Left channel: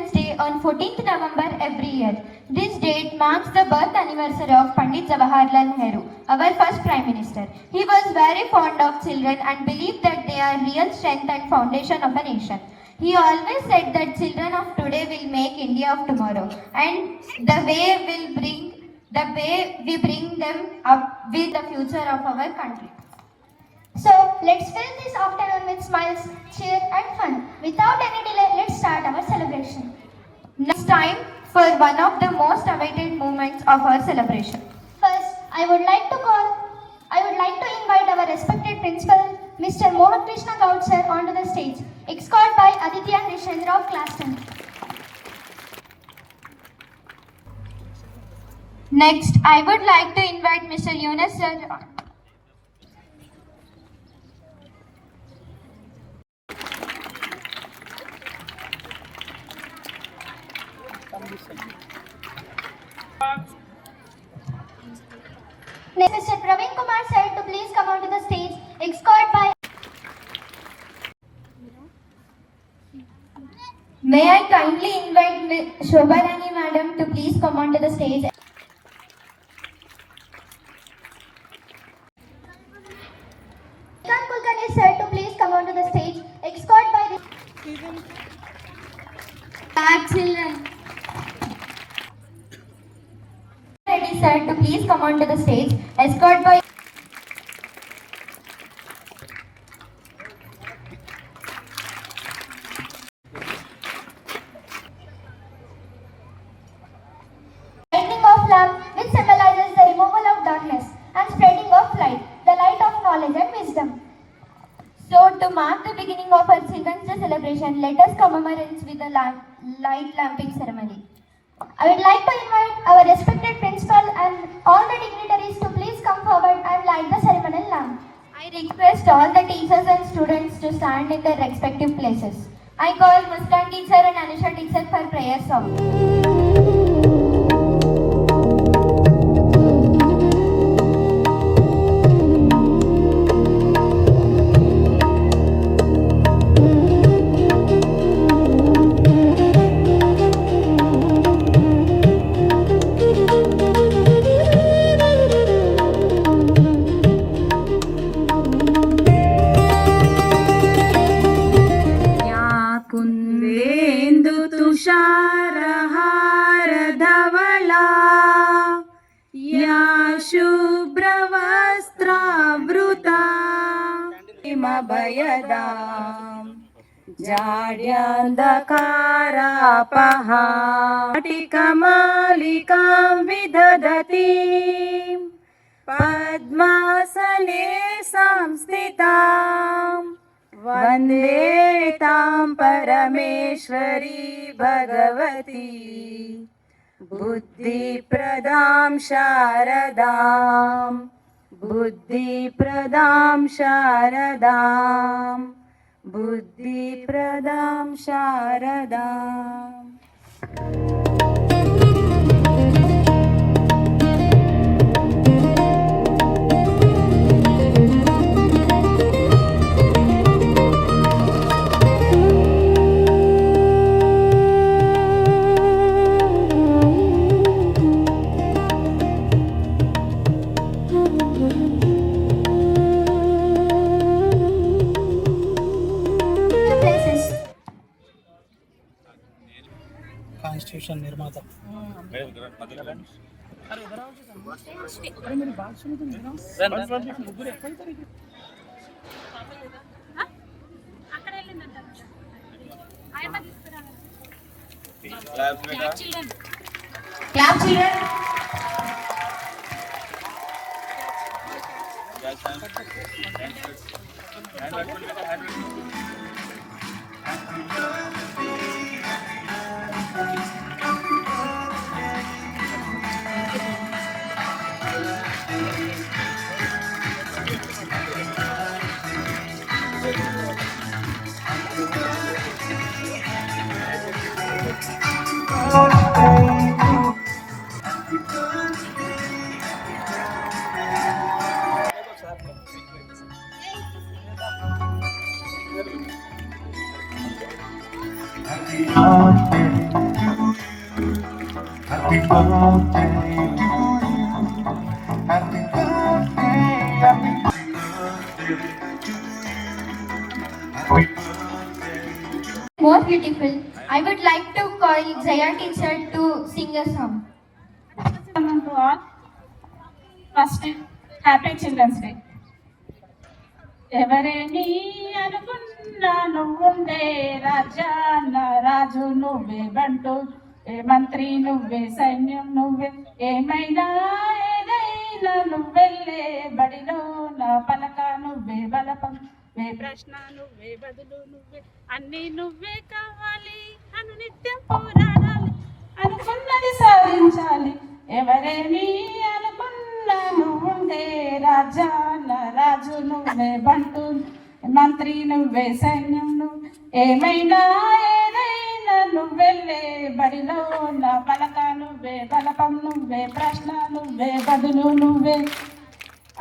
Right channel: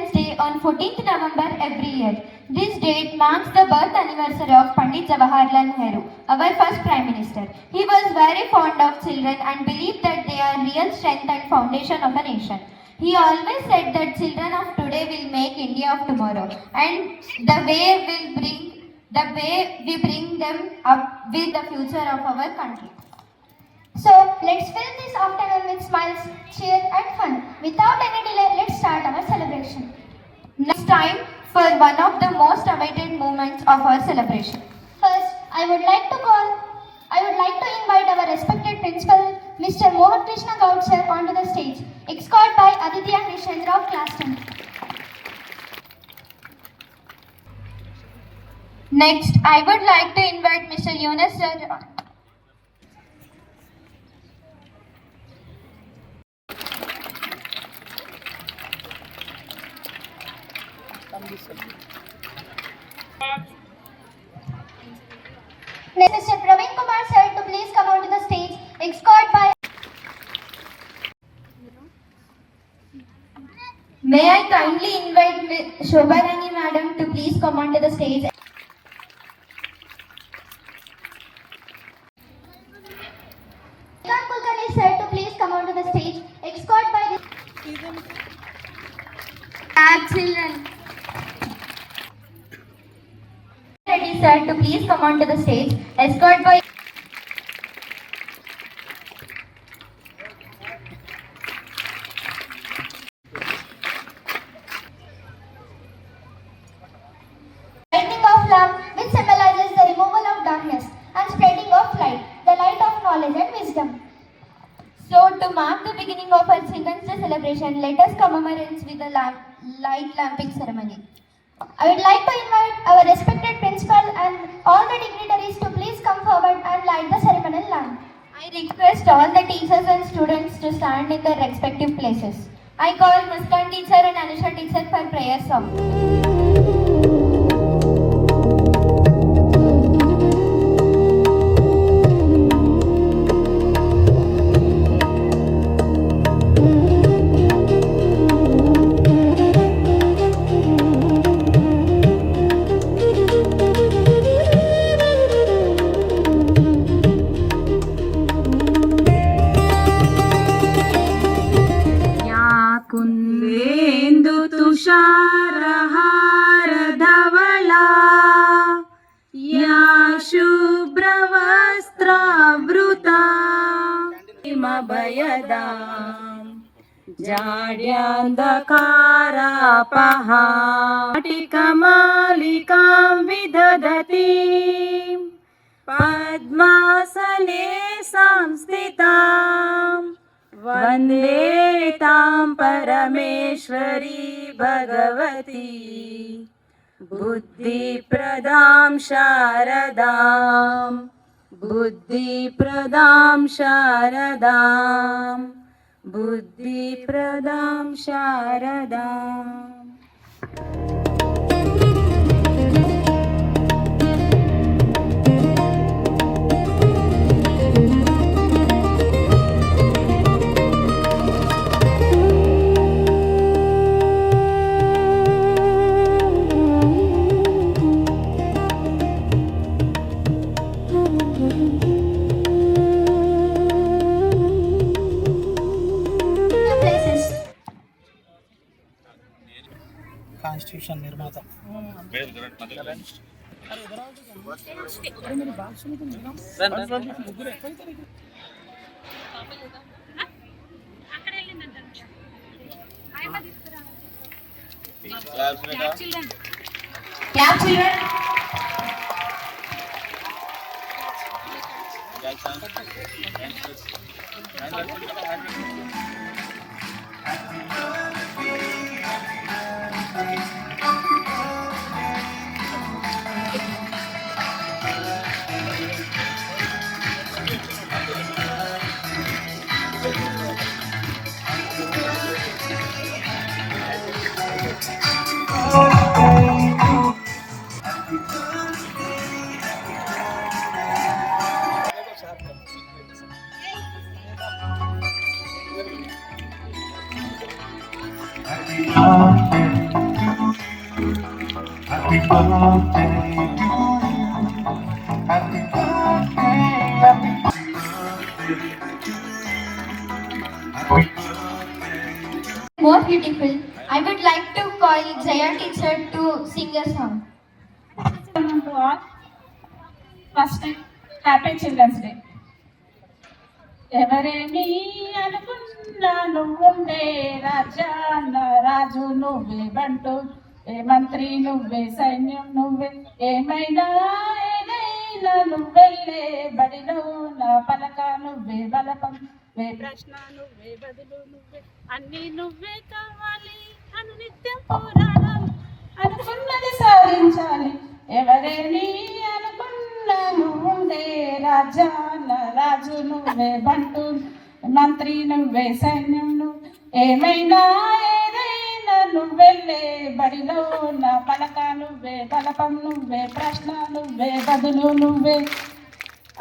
Children's Day on 14th November every year. This date marks the birth anniversary of Pandit Jawaharlal Nehru, our first Prime Minister. He was very fond of children and believed that they are real strength and foundation of a nation. He always said that children of today will make India of tomorrow, and the way we bring them up with the future of our country. So let's fill this afternoon with smiles, cheer and fun. Without any delay, let's start our celebration. Now it's time for one of the most awaited moments of our celebration. First, I would like to invite our respected principal, Mr. Mohan Krishna Gaud sir, onto the stage, escorted by Aditya Krishan of class 10. Next, I would like to invite Mr. Yunus sir. Next, Mr. Praveen Kumar sir to please come onto the stage, escorted by. May I kindly invite Shobharani madam to please come onto the stage. Kulkarni sir to please come onto the stage, escorted by the. Children. Ready sir to please come onto the stage, escorted by. Lighting of lamp, which symbolizes the removal of darkness and spreading of light, the light of knowledge and wisdom. So, to mark the beginning of our Children's Day celebration, let us commemorate with a light lamping ceremony. I would like to invite our respected principal and all the dignitaries to please come forward and light the ceremonial lamp. I request all the teachers and students to stand in their respective places. I call Muskan teacher and Anusha teacher for prayer song. कुन्देन्दु तुषारहार धवला या शुभ्रवस्त्रावृता हिमभयदा जाड्यन्धकारापहा स्फटिकमालिकां विदधती पद्मासने संस्थिताम् वन्दे तां परमेश्वरी भगवती बुद्धिप्रदां शारदां बुद्धिप्रदां शारदां बुद्धिप्रदां शारदाम् కాన్స్టిట్యూషన్ నిర్మాత Happy birthday to you. Happy birthday, happy birthday to you. Happy birthday to you. More beautiful, I would like to call Jaya teacher to sing a song. To all, first happy children's day. ఎవరేమి అనుకున్నా నువ్వుండే రాజ్యాన్న రాజు నువ్వే, బంటు ఏ మంత్రి నువ్వే, సైన్యం నువ్వే, ఏమైనా ఏదైనా నువ్వెళ్ళే బడిలో నా పలక నువ్వే, బలపం వే, ప్రశ్న నువ్వే, బదులు నువ్వే, అన్నీ నువ్వే కావాలి, అను నిత్యం పోరాడాలి, అనుకున్నది సాధించాలి. ఎవరేమి అనుకున్నా నువ్వుండే రాజ్యాన్న రాజు నువ్వే, బంటు మంత్రి నువ్వే, సైన్యం నువ్వే, ఏమైనా ఏదైనా నువ్వెళ్ళే బడిలో నా పలక నువ్వే, బలపం నువ్వే, ప్రశ్న నువ్వే, బదులు నువ్వే,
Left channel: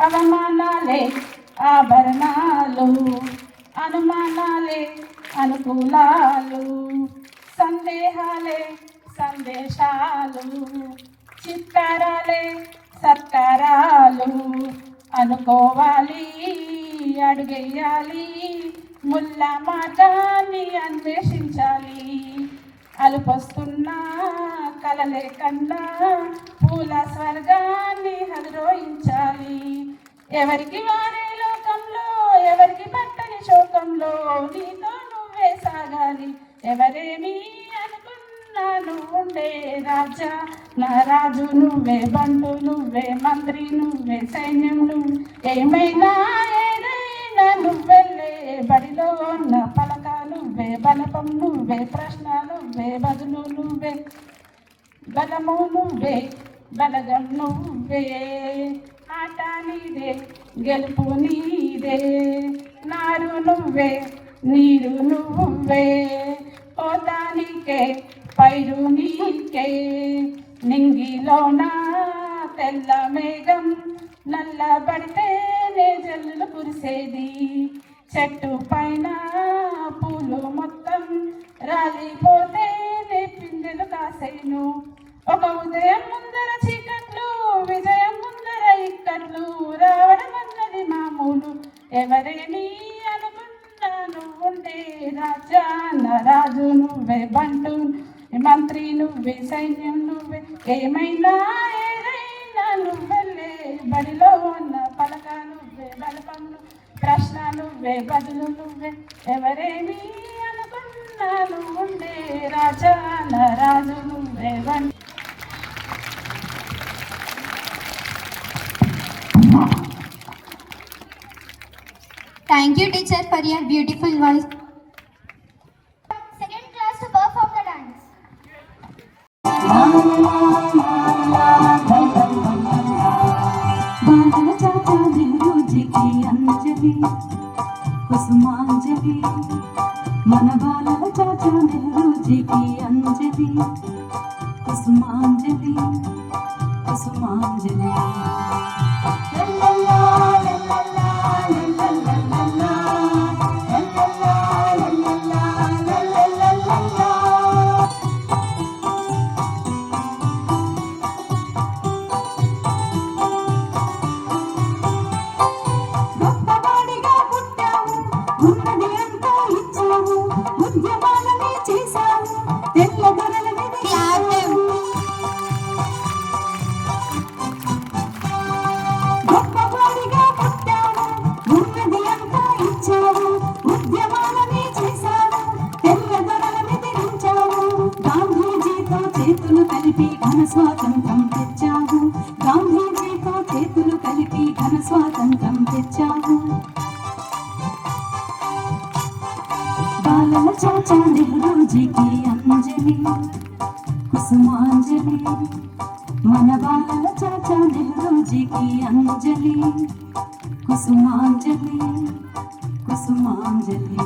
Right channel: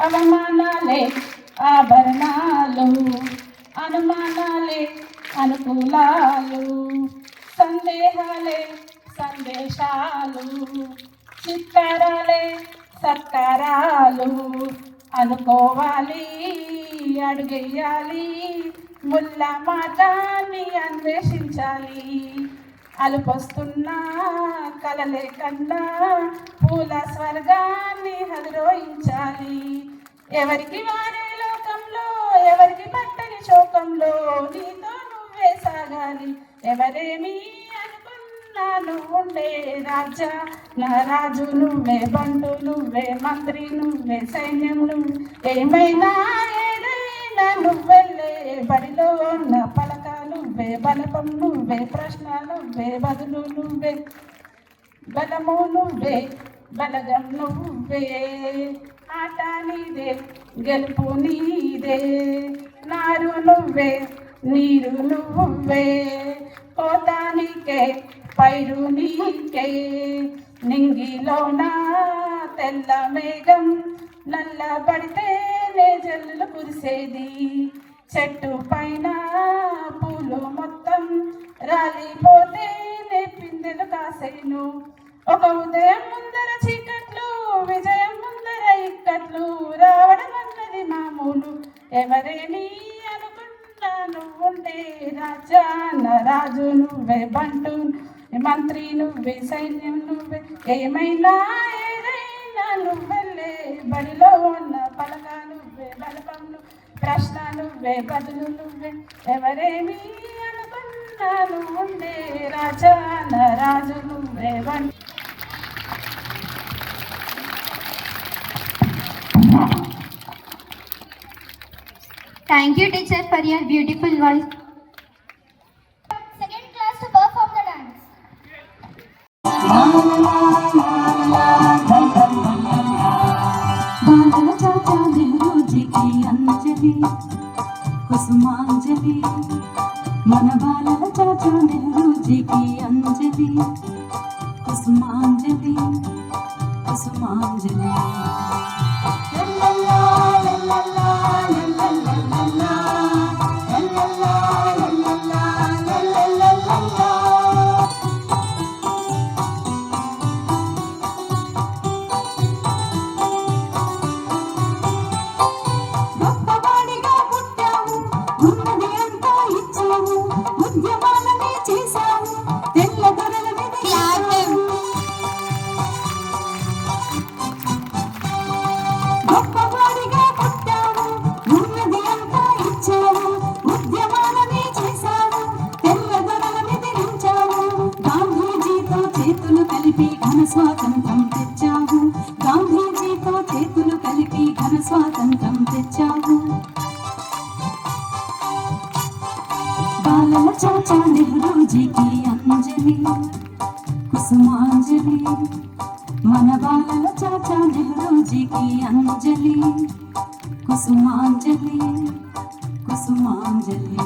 అవమానాలే ఆభరణాలు, అనుమానాలే అనుకూలాలు, సందేహాలే సందేశాలు, చిత్కారాలే సత్కారాలు, అనుకోవాలి అడుగెయ్యాలి, ముల్ల మాటాన్ని అన్వేషించాలి, అలుపొస్తున్నా కలలే కన్నా పూల స్వర్గాన్ని అధిరోహించాలి. ఎవరికి వారే లోకంలో, ఎవరికి పట్టని శోకంలో, నీతో నువ్వే సాగాలి. ఎవరేమి అనుకున్నా నువ్వుండే రాజా నా రాజు నువ్వే, బంటు నువ్వే, మంత్రి నువ్వే, సైన్యం నువ్వే, ఏమైనా ఏదైనా నువ్వెళ్ళే బడిలో నా పలక నువ్వే, బలపం నువ్వే, ప్రశ్న నువ్వే, బదులు నువ్వే, బలము నువ్వే, బలగం నువ్వే, ఆట నీదే, గెలుపు నీదే, నారు నువ్వే, నీరు నువ్వే, పోతానికే పైరు నీకే, నింగిలోన తెల్ల మేఘం నల్లబడితేనే జల్లు కురిసేది, చెట్టు పైన పూలు మొత్తం రాలిపోతేనే పిందెలు కాసేను, ఒక ఉదయం ముందర చీకట్లు, విజయం ముందర ఇక్కట్లు, రావడం అన్నది మామూలు. ఎవరేమి అనుకున్నా నువ్వుండే రాజా నా రాజు నువ్వే, బంటు మంత్రి నువ్వే, సైన్యం నువ్వే, ఏమైనా ఏదైనా నువ్వెళ్ళే బడిలో ఉన్న పలక నువ్వే, బలపం ప్రశ్న నువ్వే, బదులు నువ్వే, ఎవరేమి అనుకున్నా నువ్వుండే రాజా నా రాజు నువ్వే, బంటు. Thank you teacher for your beautiful voice. Second class to perform the dance. బాలల చాచా నెహ్రూజీకి అంజలి కుసుమాంజలి, మన బాలల చాచా నెహ్రూజీకి అంజలి కుసుమాంజలి, కుసుమాంజలి. గొప్పవాడిగా పుట్టావు, ఉన్నది అంతా ఇచ్చావు, ఉద్యమాలనే చేశావు, తెల్ల దొరల వెదిగావు. గొప్పవాడిగా పుట్టావు, ఉన్నది అంతా ఇచ్చావు, ఉద్యమాలనే చేశావు, తెల్ల దొరల వెదిరించావు, గాంధీజీతో చేతులు కలిపి ఘన స్వాతంత్రం తెచ్చావు, గాంధీజీతో చేతులు కలిపి ఘన స్వాతంత్రం తెచ్చావు. బాలల చాచా నెహ్రూజీకి అంజలి కుసుమాంజలి, మన బాలల చాచా నెహ్రూజీకి అంజలి కుసుమాంజలి, కుసుమాంజలి.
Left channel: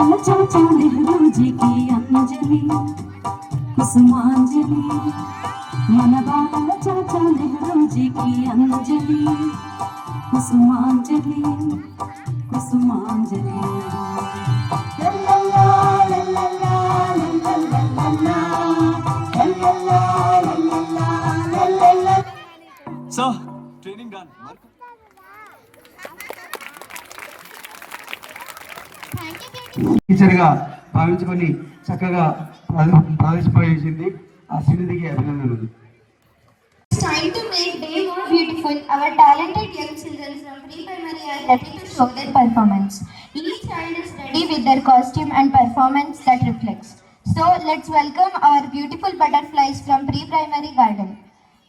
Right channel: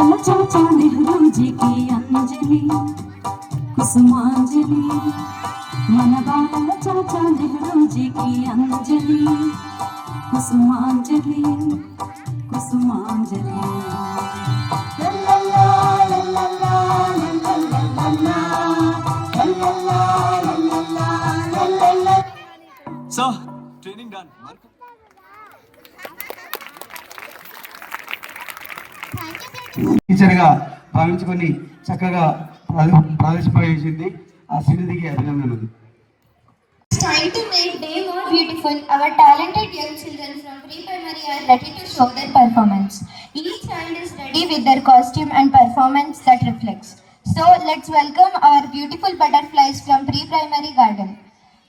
बालल चाचा नेहरू जी की अंजलि कुसुमांजलि मन बालल चाचा नेहरू जी की अंजलि कुसुमांजलि कुसुमांजलि So, training done. టీచర్గా భావించుకొని చక్కగా ప్రవేశించింది. ఆ శ్రీనిధికి అభినందనలు. It's time to make day more beautiful. Our talented young children from pre-primary are ready to show their performance. Each child is ready with their costume and performance that reflects. So let's welcome our beautiful butterflies from pre-primary garden.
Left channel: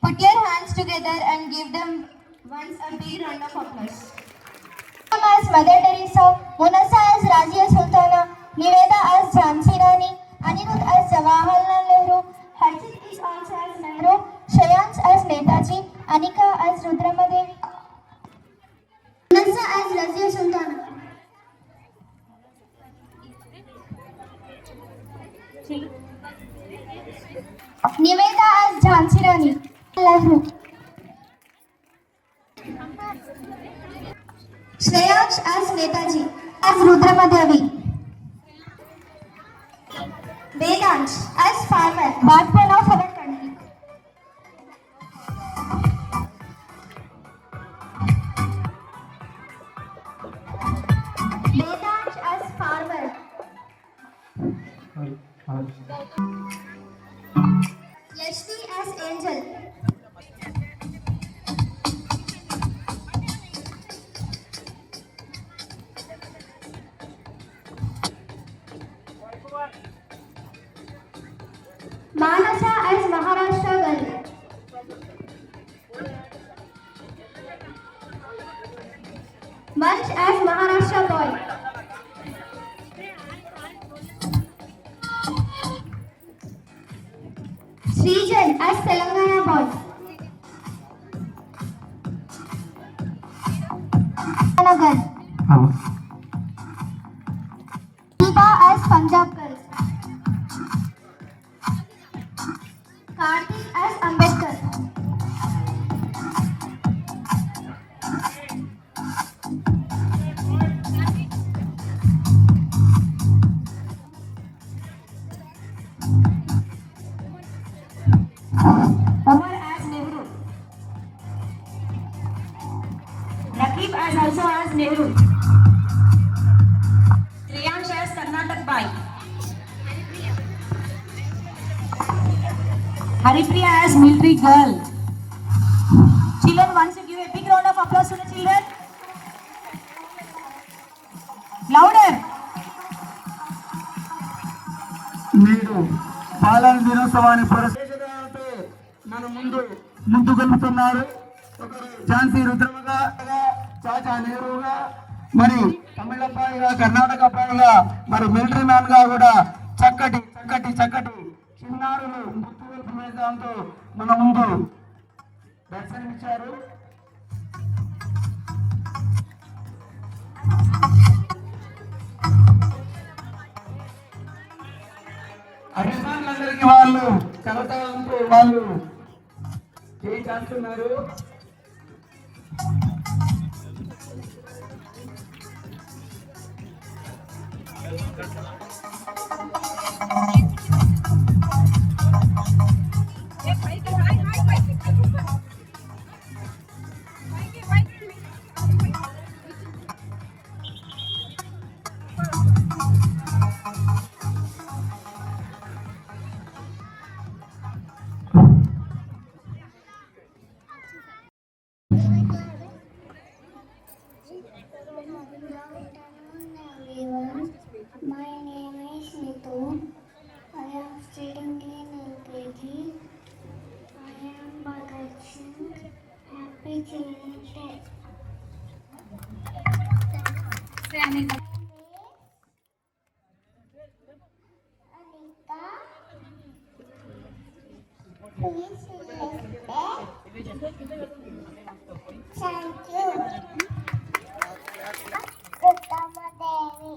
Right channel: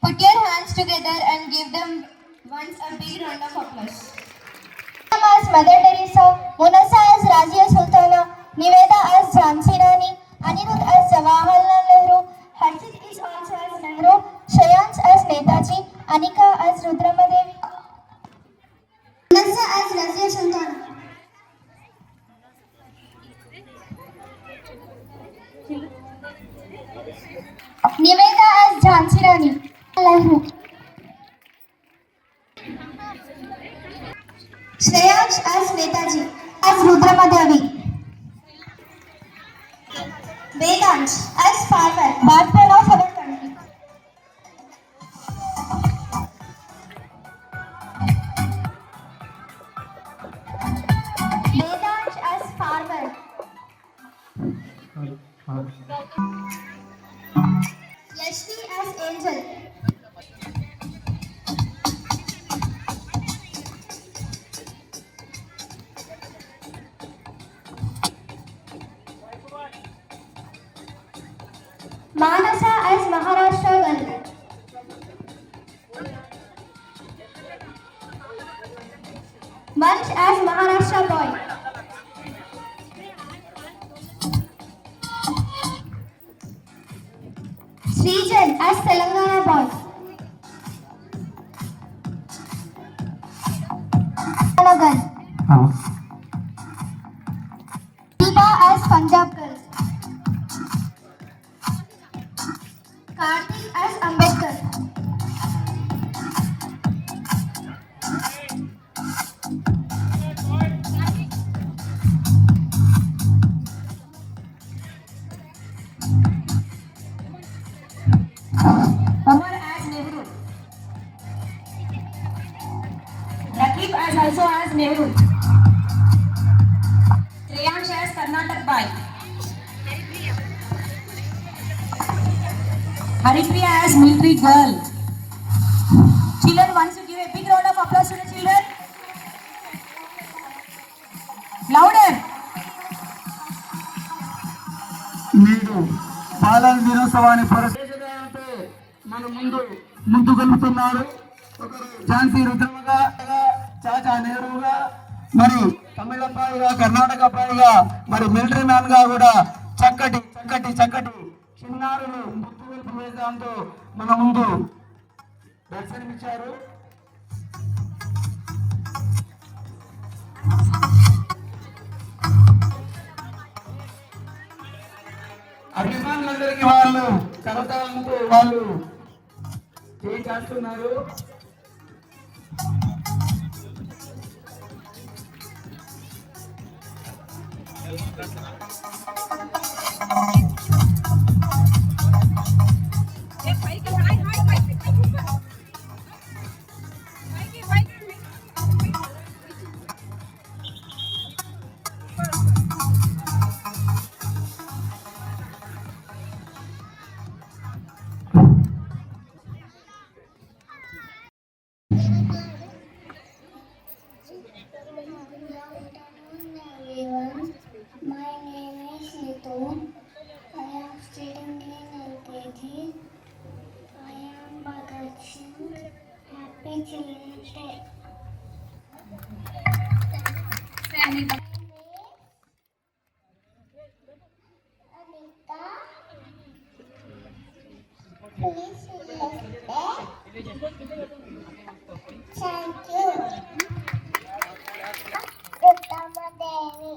Put your hands together and give them once a big round of applause. As Mother Teresa, Munasa as Razia Sultana, Niveda as Jhansi Rani, Anirudh as Jawaharlal Nehru, Harshit is also as Nehru, Shreyans as Netaji, Anika as Rudramadevi, Munasa as Razia Sultana. Niveda as Jhansi Rani, Nehru. Shreyansh as Netaji, as Rudramadevi. Vedansh as farmer, backbone of our country. Vedansh as farmer. Yashvi as angel. Manasa as Maharashtra girl. Vansh as Maharashtra boy. Srijan as Telangana boy. Girl. Deepa as Punjab girl. Karthik as Ambedkar. Umar as Nehru. Rakib as also as Nehru. Shreyansh as Karnataka boy. Haripriya as military girl. Children, once you give a big round of applause to the children. Louder. నేడు బాలల దినోత్సవాన్ని మన ముందుకెళ్తున్నారు. ఝాన్సీ రుద్రమగా, చాచా నెహ్రూగా, మరి తమిళపాయిగా, కర్ణాటక పాయిగా, మరి మిలిటరీ మ్యాన్ గా కూడా చక్కటి చిన్నారులు ముత్తు వేదాంతో మన ముందు దర్శనమిచ్చారు. అభిమానులందరికీ వాళ్ళు కరతాళంతో వాళ్ళు ఏం చేస్తున్నారు. Everyone, my name is Nitu. I am studying in LKG. I am Bhagat Singh. Happy Children's Day. Anita. Please thank you. Rudramadevi.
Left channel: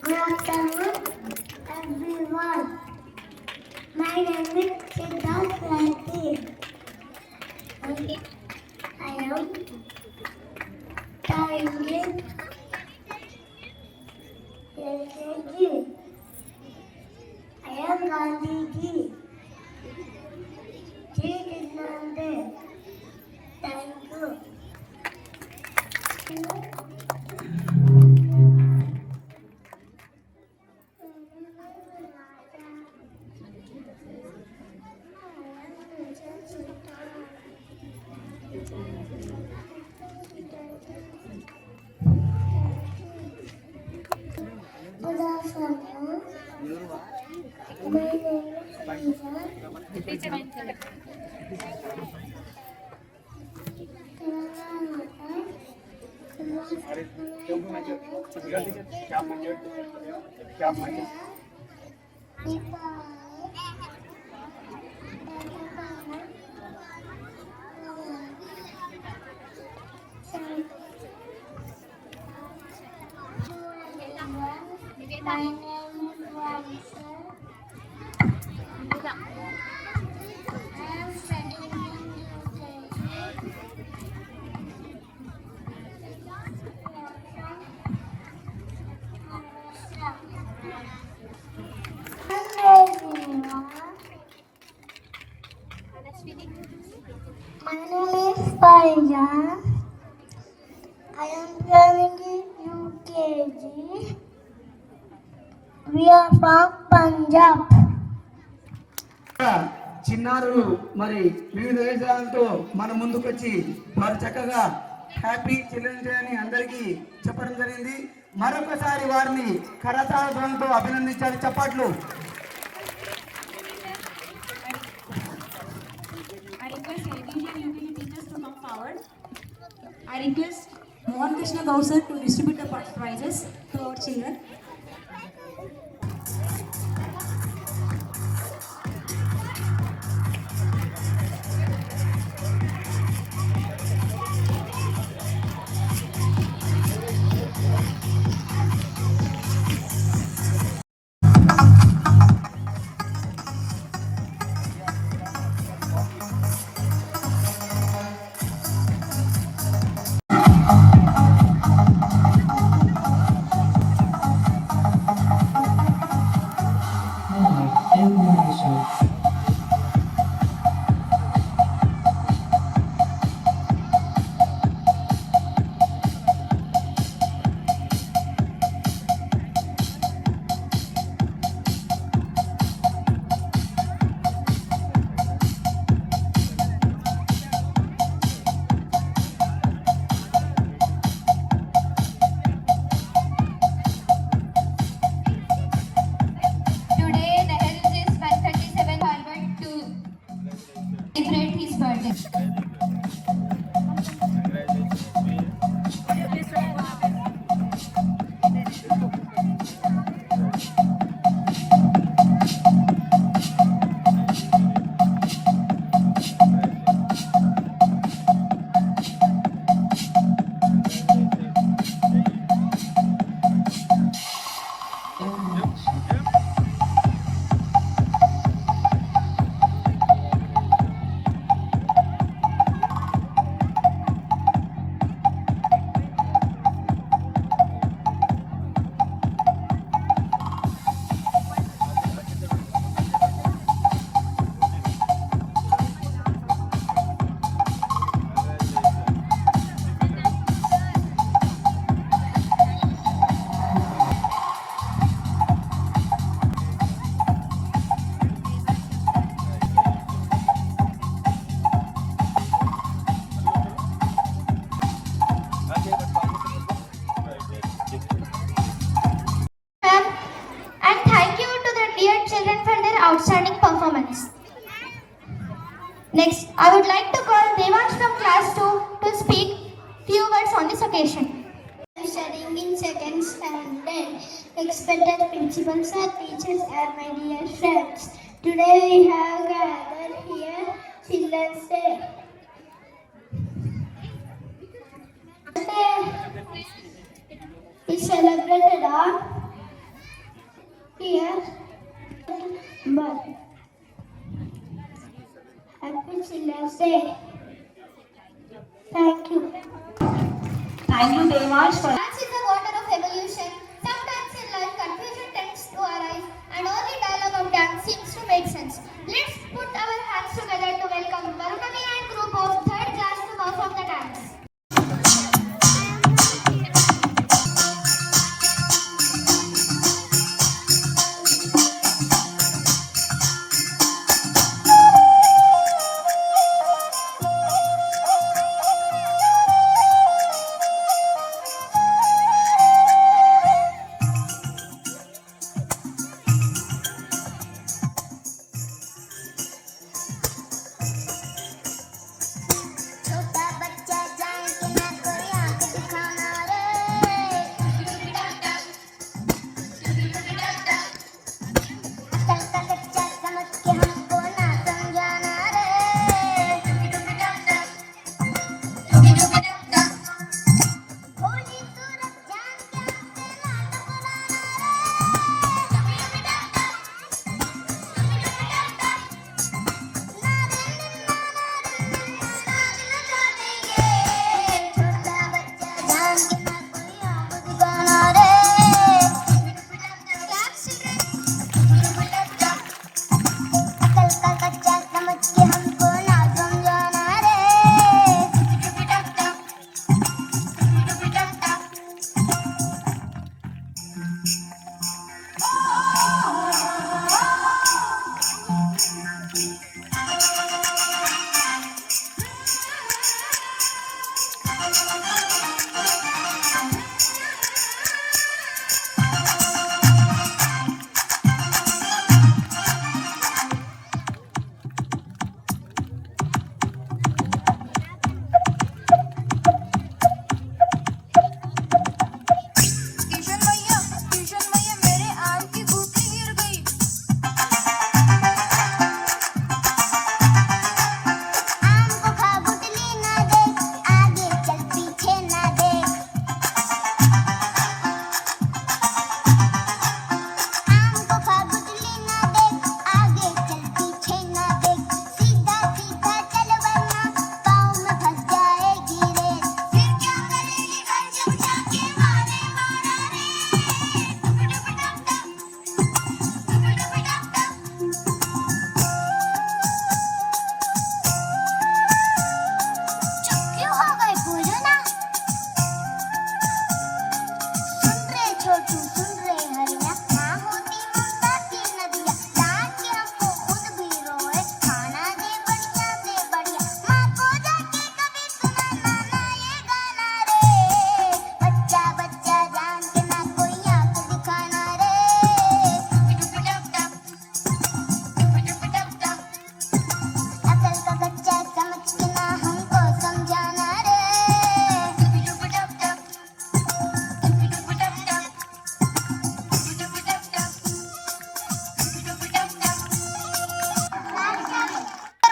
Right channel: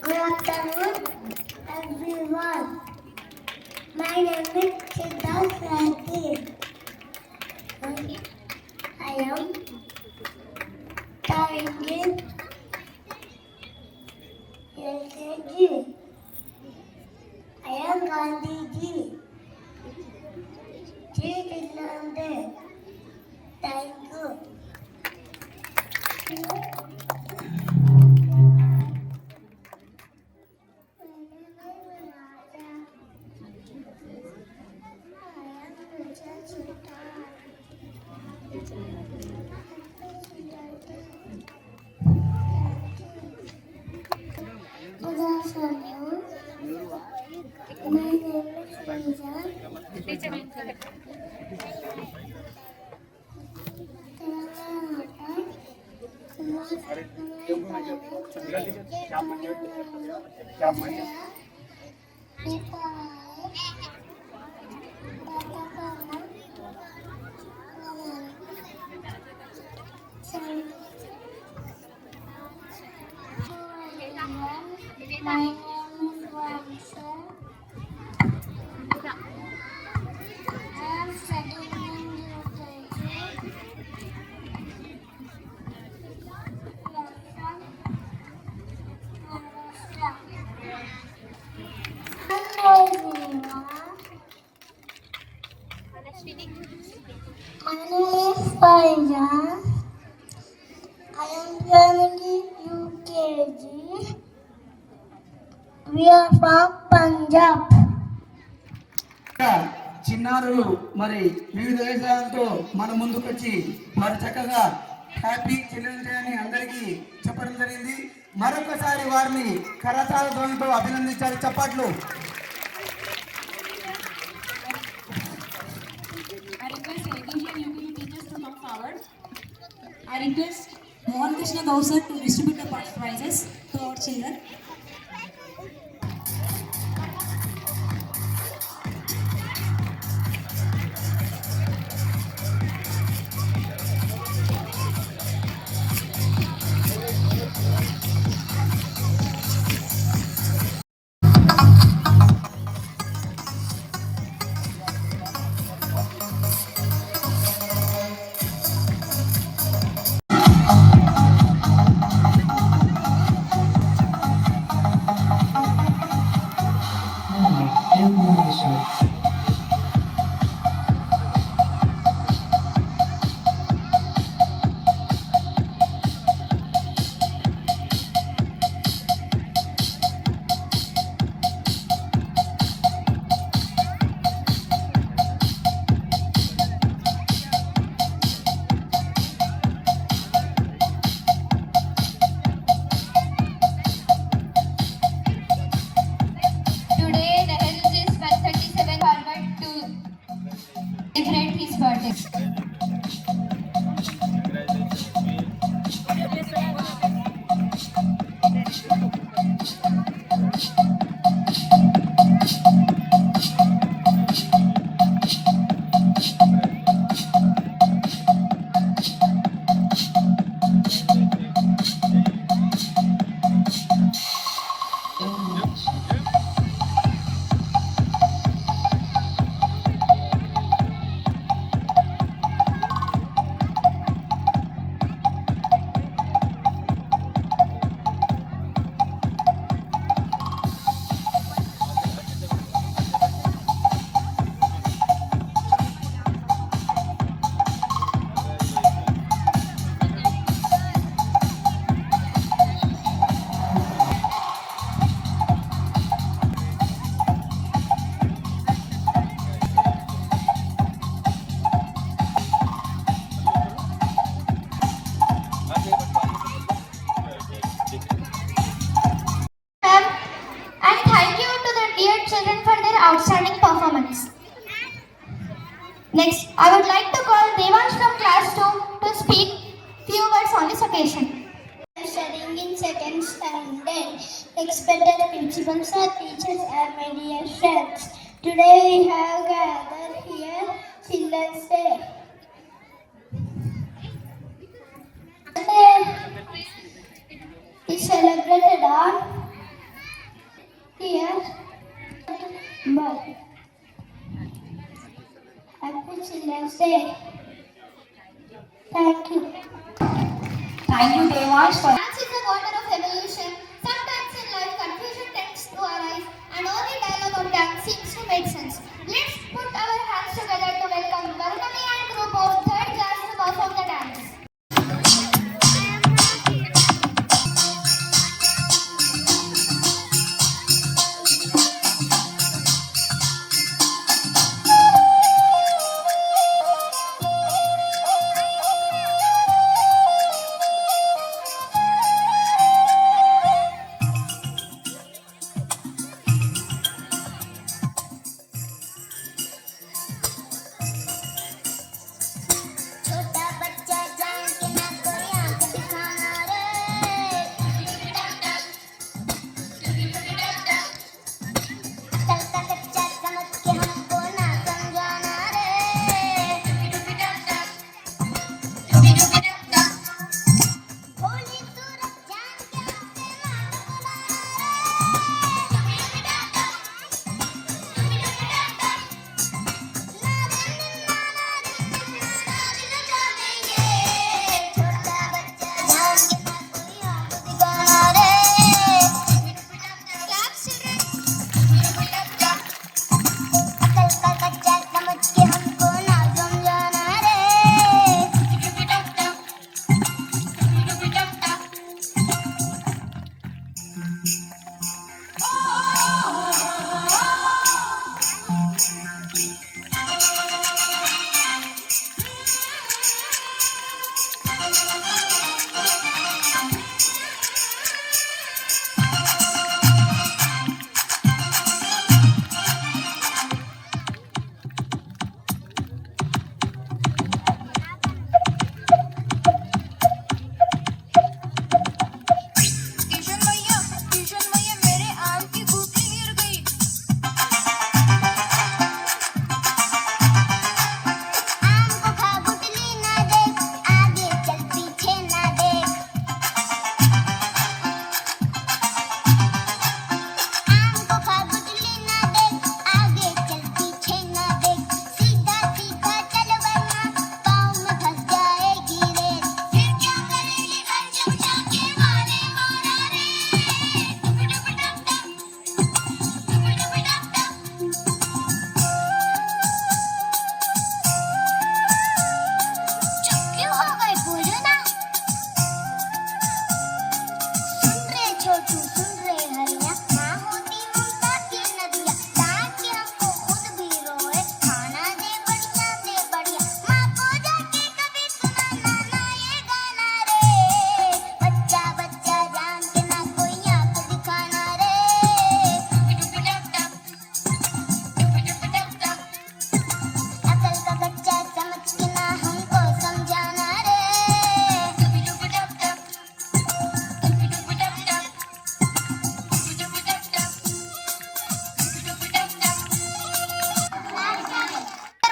Good afternoon, everyone. My name is Siddharth Rathi. I am studying LKG. I am Gandhiji. Jai Kishan. Thank you. Good afternoon. My name is Faizan. I am learning UKG. We are from Punjab. చిన్నారులు మరి వివిధ వేషాలతో మన ముందుకొచ్చి వారు చక్కగా happy children day అని అందరికీ చెప్పడం జరిగింది. మరొకసారి వారిని కరతాళ ధ్వనితో అభినందించాలి. చప్పట్లు. I request LKG and UKG teachers to come forward. I request Mohan Krishna Gausar to distribute the prizes to our children. respected principals and teachers and my dear friends. Today we have gathered here Children's Day. Is celebrated on here. Happy Children's Day. Thank you. Thank you very much for Dance is the water of evolution. Sometimes in life, confusion tends to arise, and only dialogue of dance seems to make sense. Let's put our hands together to welcome Varunami and group of third class to perform the dance.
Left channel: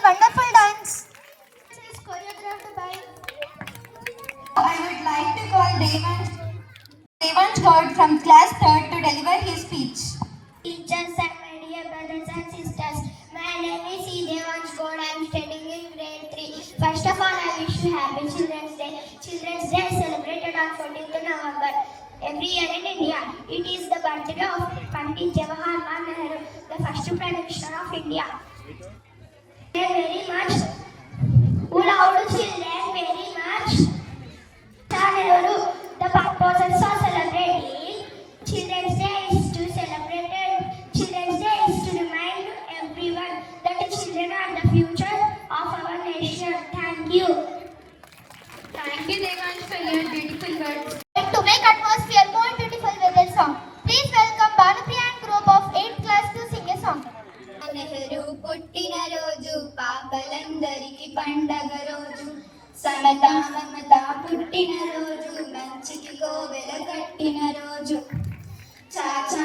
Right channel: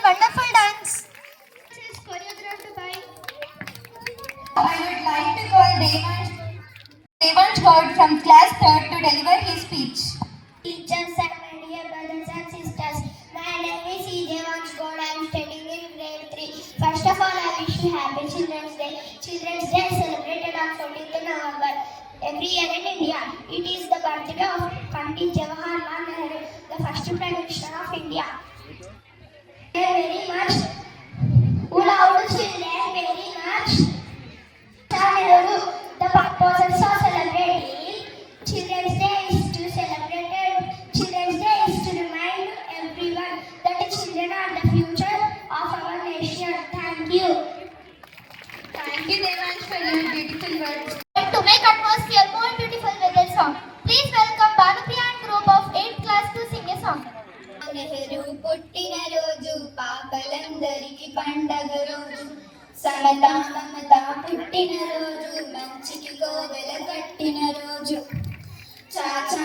Wonderful dance. Is choreographed by. I would like to call Devansh Gaud from class 3rd to deliver his speech. Teachers and my dear brothers and sisters, my name is Devansh Gaud. I am studying in grade 3. First of all, I wish you happy Children's Day. Children's Day is celebrated on 14th November every year in India. It is the birthday of Pandit Jawaharlal Nehru, the first Prime Minister of India. Very much. Without children, very much. The purpose of celebrating Children's Day is to celebrate. Children's Day is to remind everyone that the children are the future of our nation. Thank you. Thank you, Devansh, for your beautiful words. And to make atmosphere more beautiful with a song, please welcome Bhanupriya and group of 8th class to sing a song. Nehru పుట్టిన రోజు పాపలందరికీ పండగ రోజు సమతా మమత పుట్టిన రోజు మంచికి కోవెల కట్టిన రోజు చాచా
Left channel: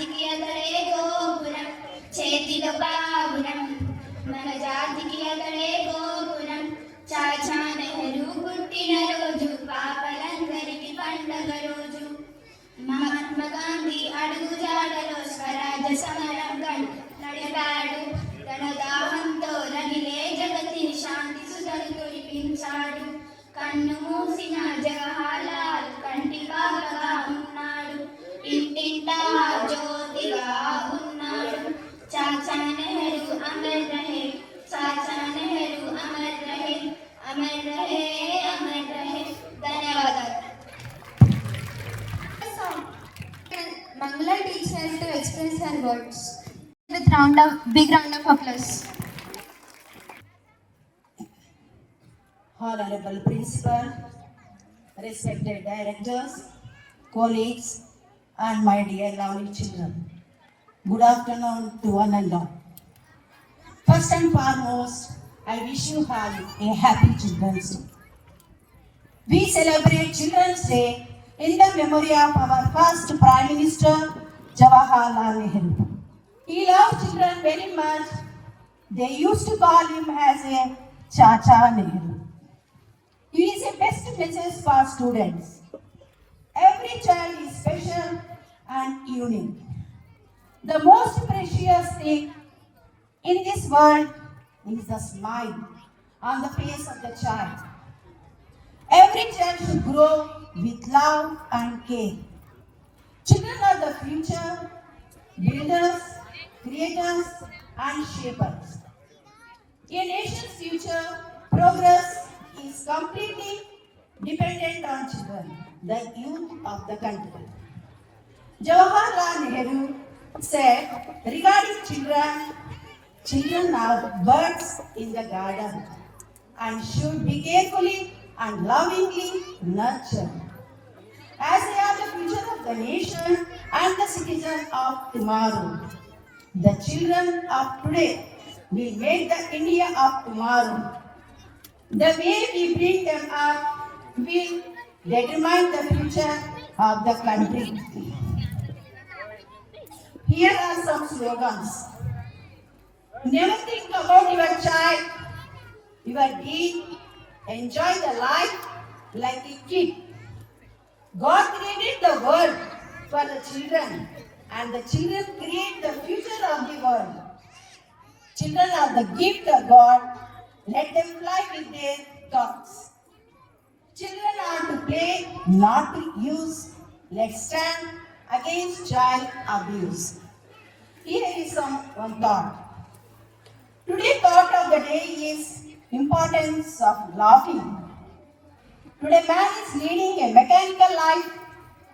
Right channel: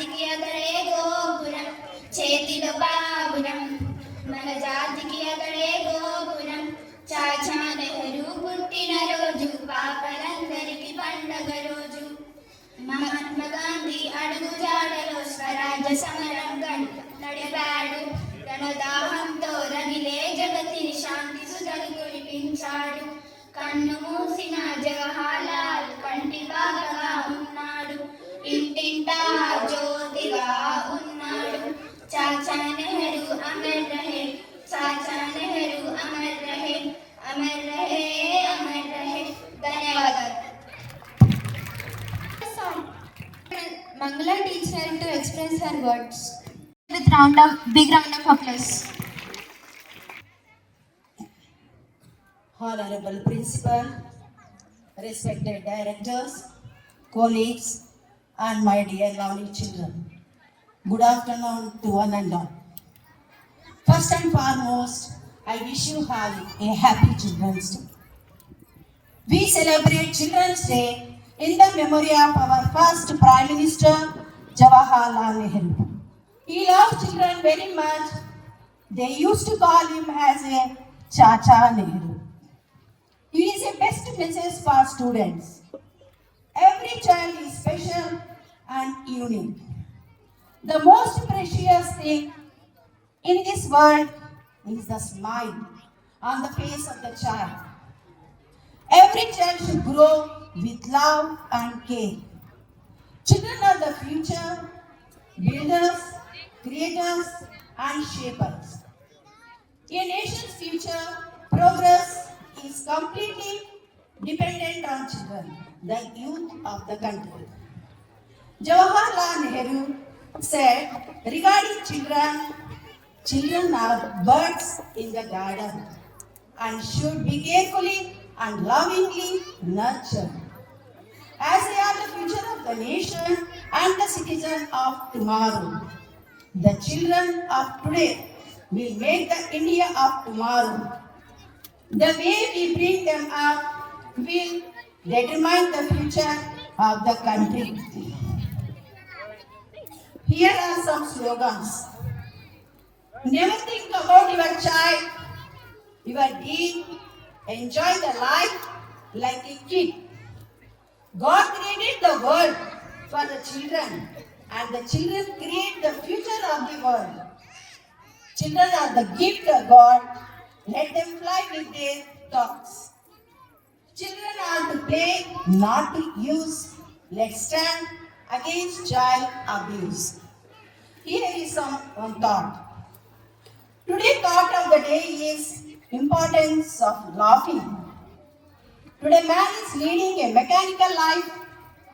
జాతికి అతడే గోపురం చేతిలో బాబురం మన జాతికి అతడే గోపురం చాచా నెహ్రూ పుట్టిన రోజు పాపలందరికీ పండగ రోజు మహాత్మా గాంధీ అడుగు జాడలో స్వరాజ్య సమరం నడిపాడు రణదాహంతో రగిలే జగతిని శాంతి సుధలు కురిపించాడు కన్ను మూసిన జవహర్లాల్ కంటి బాగా ఉన్నాడు ఇంటింటా జ్యోతిగా ఉన్నాడు చాచా నెహ్రూ అమర్ రహే చాచా నెహ్రూ అమర్ రహే అమర్ రహే అమర్ రహే ధన్యవాదాలు Mangala teacher to express her words with big round of applause. Honorable Principal, respected directors, colleagues, and my dear lovely children. Good afternoon to one and all. First and foremost, I wish you all a happy Children's Day. We celebrate Children's Day in the memory of our first Prime Minister, Jawaharlal Nehru. He loved children very much. They used to call him as a Chacha Nehru. It is a best message for students. Every child is special and unique. The most precious thing in this world is the smile on the face of the child. Every child should grow with love and care. Children are the future builders, creators, and shapers. A nation's future progress is completely dependent on children, the youth of the country. Jawaharlal Nehru said regarding children, children are birds in the garden and should be carefully and lovingly nurtured. As they are the future of the nation and the citizen of tomorrow, the children of today will make the India of tomorrow. The way we bring them up will determine the future of the country. Here are some slogans. Never think about your child, your deed. Enjoy the life like a kid. God created the world for the children, and the children create the future of the world. Children are the gift of God. Let them fly with their thoughts. Children are to play, not to use. Let's stand against child abuse. Here is one thought. Today's thought of the day is importance of laughing. Today man is leading a mechanical life.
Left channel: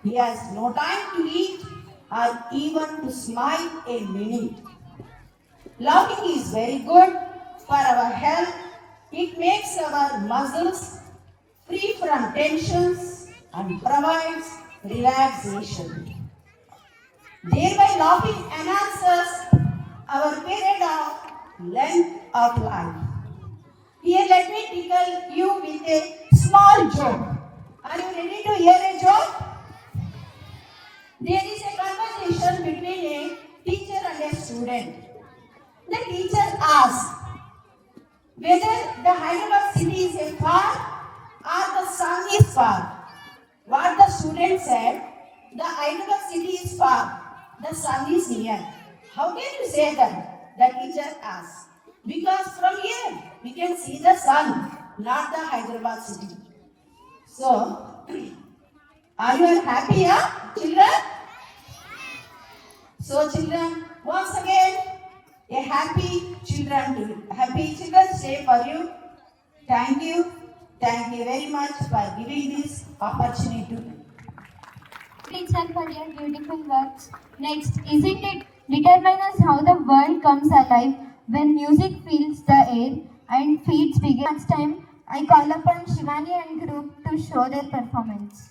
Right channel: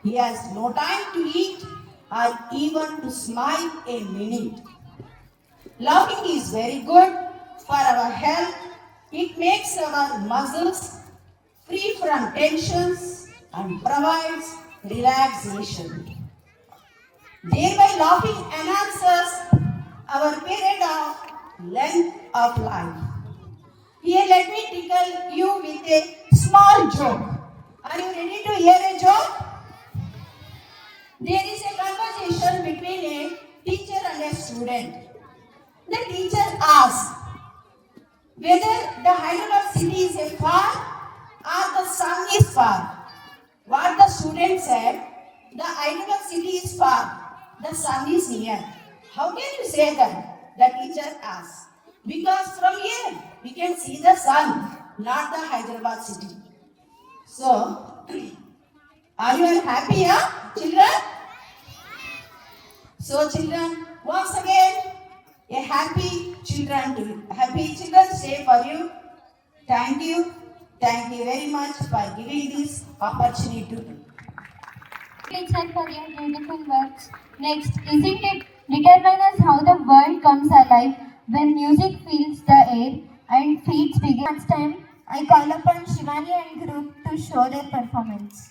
He has no time to eat or even to smile a minute. Laughing is very good for our health. It makes our muscles free from tensions and provides relaxation. Thereby laughing enhances our period of length of life. Here let me tickle you with a small joke. Are you ready to hear a joke? There is a conversation between a teacher and a student. The teacher asked whether the Hyderabad city is a far or the sun is far. What the student said, the Hyderabad city is far, the sun is near. How can you say that? The teacher asked. Because from here we can see the sun, not the Hyderabad city. So, are you happy, children? So, children, once again, a happy Children's Day for you. Thank you very much for giving this opportunity. Teacher for your beautiful words. Next, isn't it determines us how the world comes alive when music fills the air and feeds begin? Next time, I call upon Shivani and group to show their performance.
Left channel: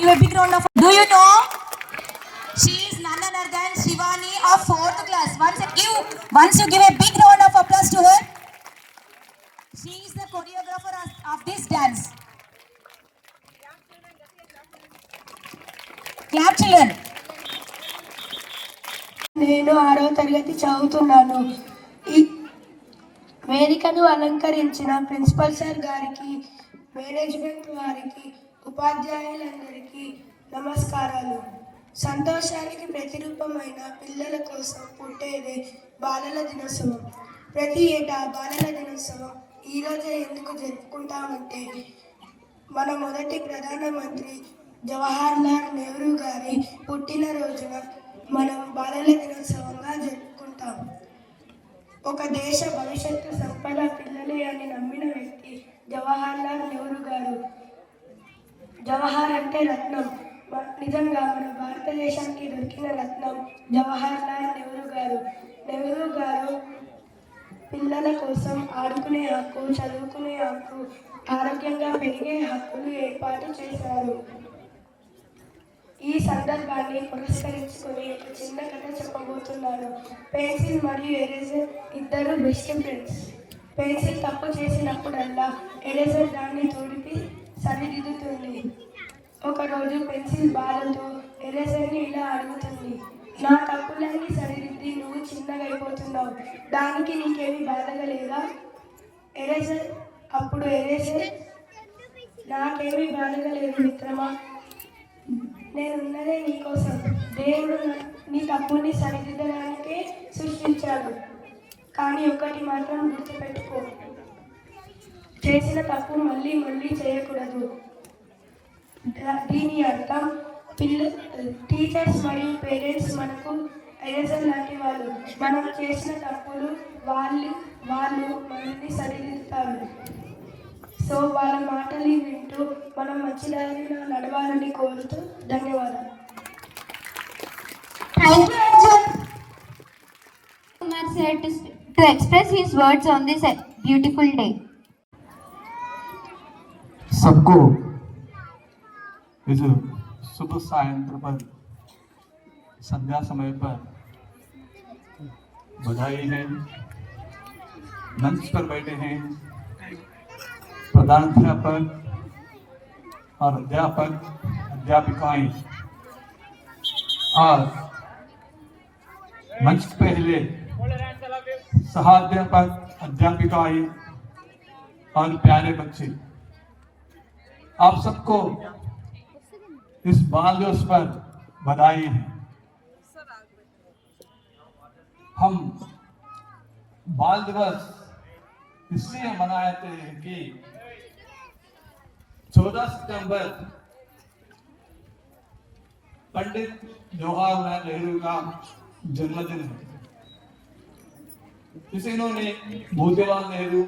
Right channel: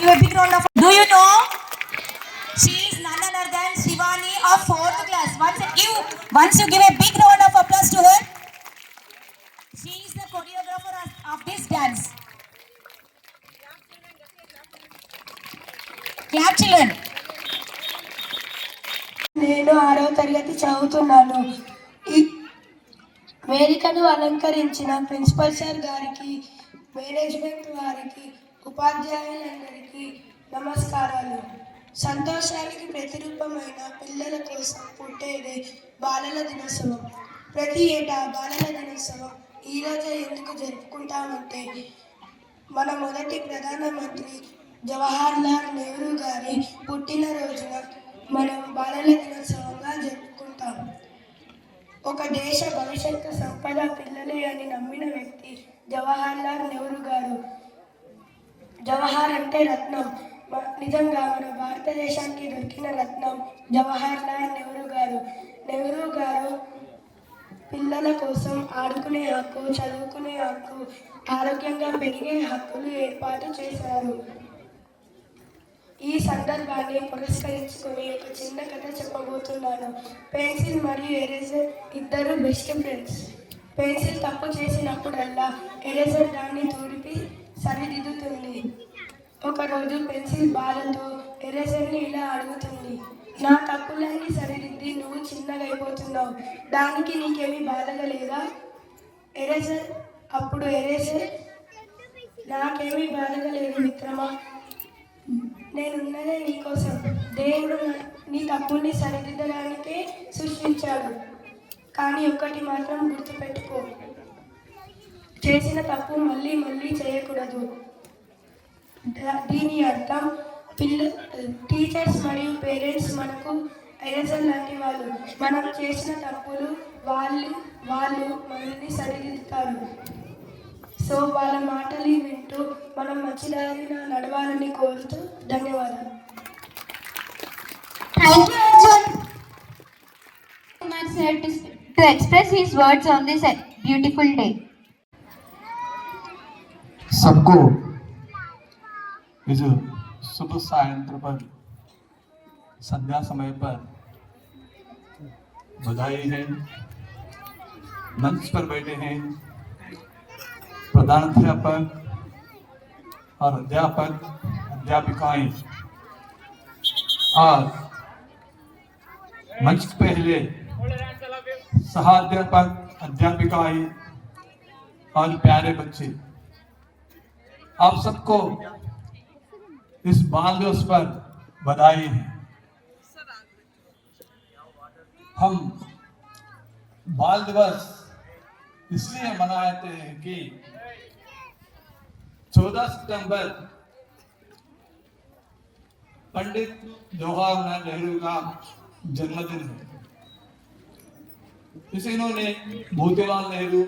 give a big round of. Do you know? She is none other than Shivani of 4th class. Once you give a big round of applause to her. She is the choreographer of this dance. Clap, children. నేను 6వ తరగతి చదువుతున్నాను. ఈ వేదికను అలంకరించిన principal sir గారికి, మేనేజ్మెంట్ వారికి, ఉపాధ్యాయులందరికీ నమస్కారాలు. సంతోషానికి ప్రతిరూపమైన పిల్లల కోసం పుట్టేదే బాలల దినోత్సవం. ప్రతి ఏటా బాలల దినోత్సవం ఈరోజే ఎందుకు జరుపుకుంటామంటే మన మొదటి ప్రధానమంత్రి జవహర్లాల్ నెహ్రూ గారి పుట్టినరోజున మనం బాలల దినోత్సవంగా జరుపుకుంటాం. ఒక దేశ భవిష్యత్తు సంపద పిల్లలే అని నమ్మిన వ్యక్తి జవహర్లాల్ నెహ్రూ గారు. జవహర్ అంటే రత్నం. నిజంగా మన భారతదేశానికి దొరికిన రత్నం జవహర్లాల్ నెహ్రూ గారు. నెహ్రూ గారు పిల్లల కోసం ఆడుకునే హక్కు, చదువుకునే హక్కు, ఆరోగ్యంగా పెరిగే హక్కులు ఏర్పాటు చేశారు. ఈ సందర్భాన్ని పురస్కరించుకొని ఒక చిన్న కథ చెప్పబోతున్నాను. పెన్సిల్ మరియు ఎరేజర్ ఇద్దరు బెస్ట్ ఫ్రెండ్స్. పెన్సిల్ తప్పు చేసినప్పుడల్లా ఎరేజర్ దాన్ని తుడిపి సరిదిద్దుతుంది. ఒకరోజు పెన్సిల్ బాధతో ఎరేజర్ని ఇలా అడుగుతుంది, నా తప్పులన్నీ సరిదిద్ది నువ్వు చిన్నగా అయిపోతున్నావు, దానికి నీకేమీ బాధగా లేదా? అప్పుడు ఎరేజర్, నాకేమీ బాధగా లేదు మిత్రమా, నేనున్నదే నీకోసం. దేవుడు నీ తప్పుని సరిదిద్దడానికే సృష్టించాడు. కానీ ఒకటి మాత్రం గుర్తుపెట్టుకో, చేసిన తప్పు మళ్ళీ మళ్ళీ చేయకూడదు. దీని అర్థం టీచర్స్ మరియు పేరెంట్స్ మనకు ఎరేజర్ లాంటి వాళ్ళు. మనం చేసిన తప్పులు వాళ్ళు మనల్ని సరిదిద్దుతారు. సో వాళ్ళ మాటలు వింటూ మనం మంచిదారిన నడవాలని కోరుతూ ధన్యవాదాలు. Thank you, Arjun. Kumar sir to express his words on this beautiful day. सबको इस शुभ सायंत्र पर संध्या समय पर बधाई है। मंच पर बैठे हैं प्रधानाध्यापक और अध्यापक अध्यापिकाएं और मंच पहले सहाध्यापक अध्यापिकाएं और प्यारे बच्चे, आप सबको इस बाल दिवस पर बधाई है। हम बाल दिवस इसलिए मनाते हैं कि 14 सितंबर पंडित जवाहरलाल नेहरू का जन्मदिन है। इन्होंने मोतीलाल नेहरू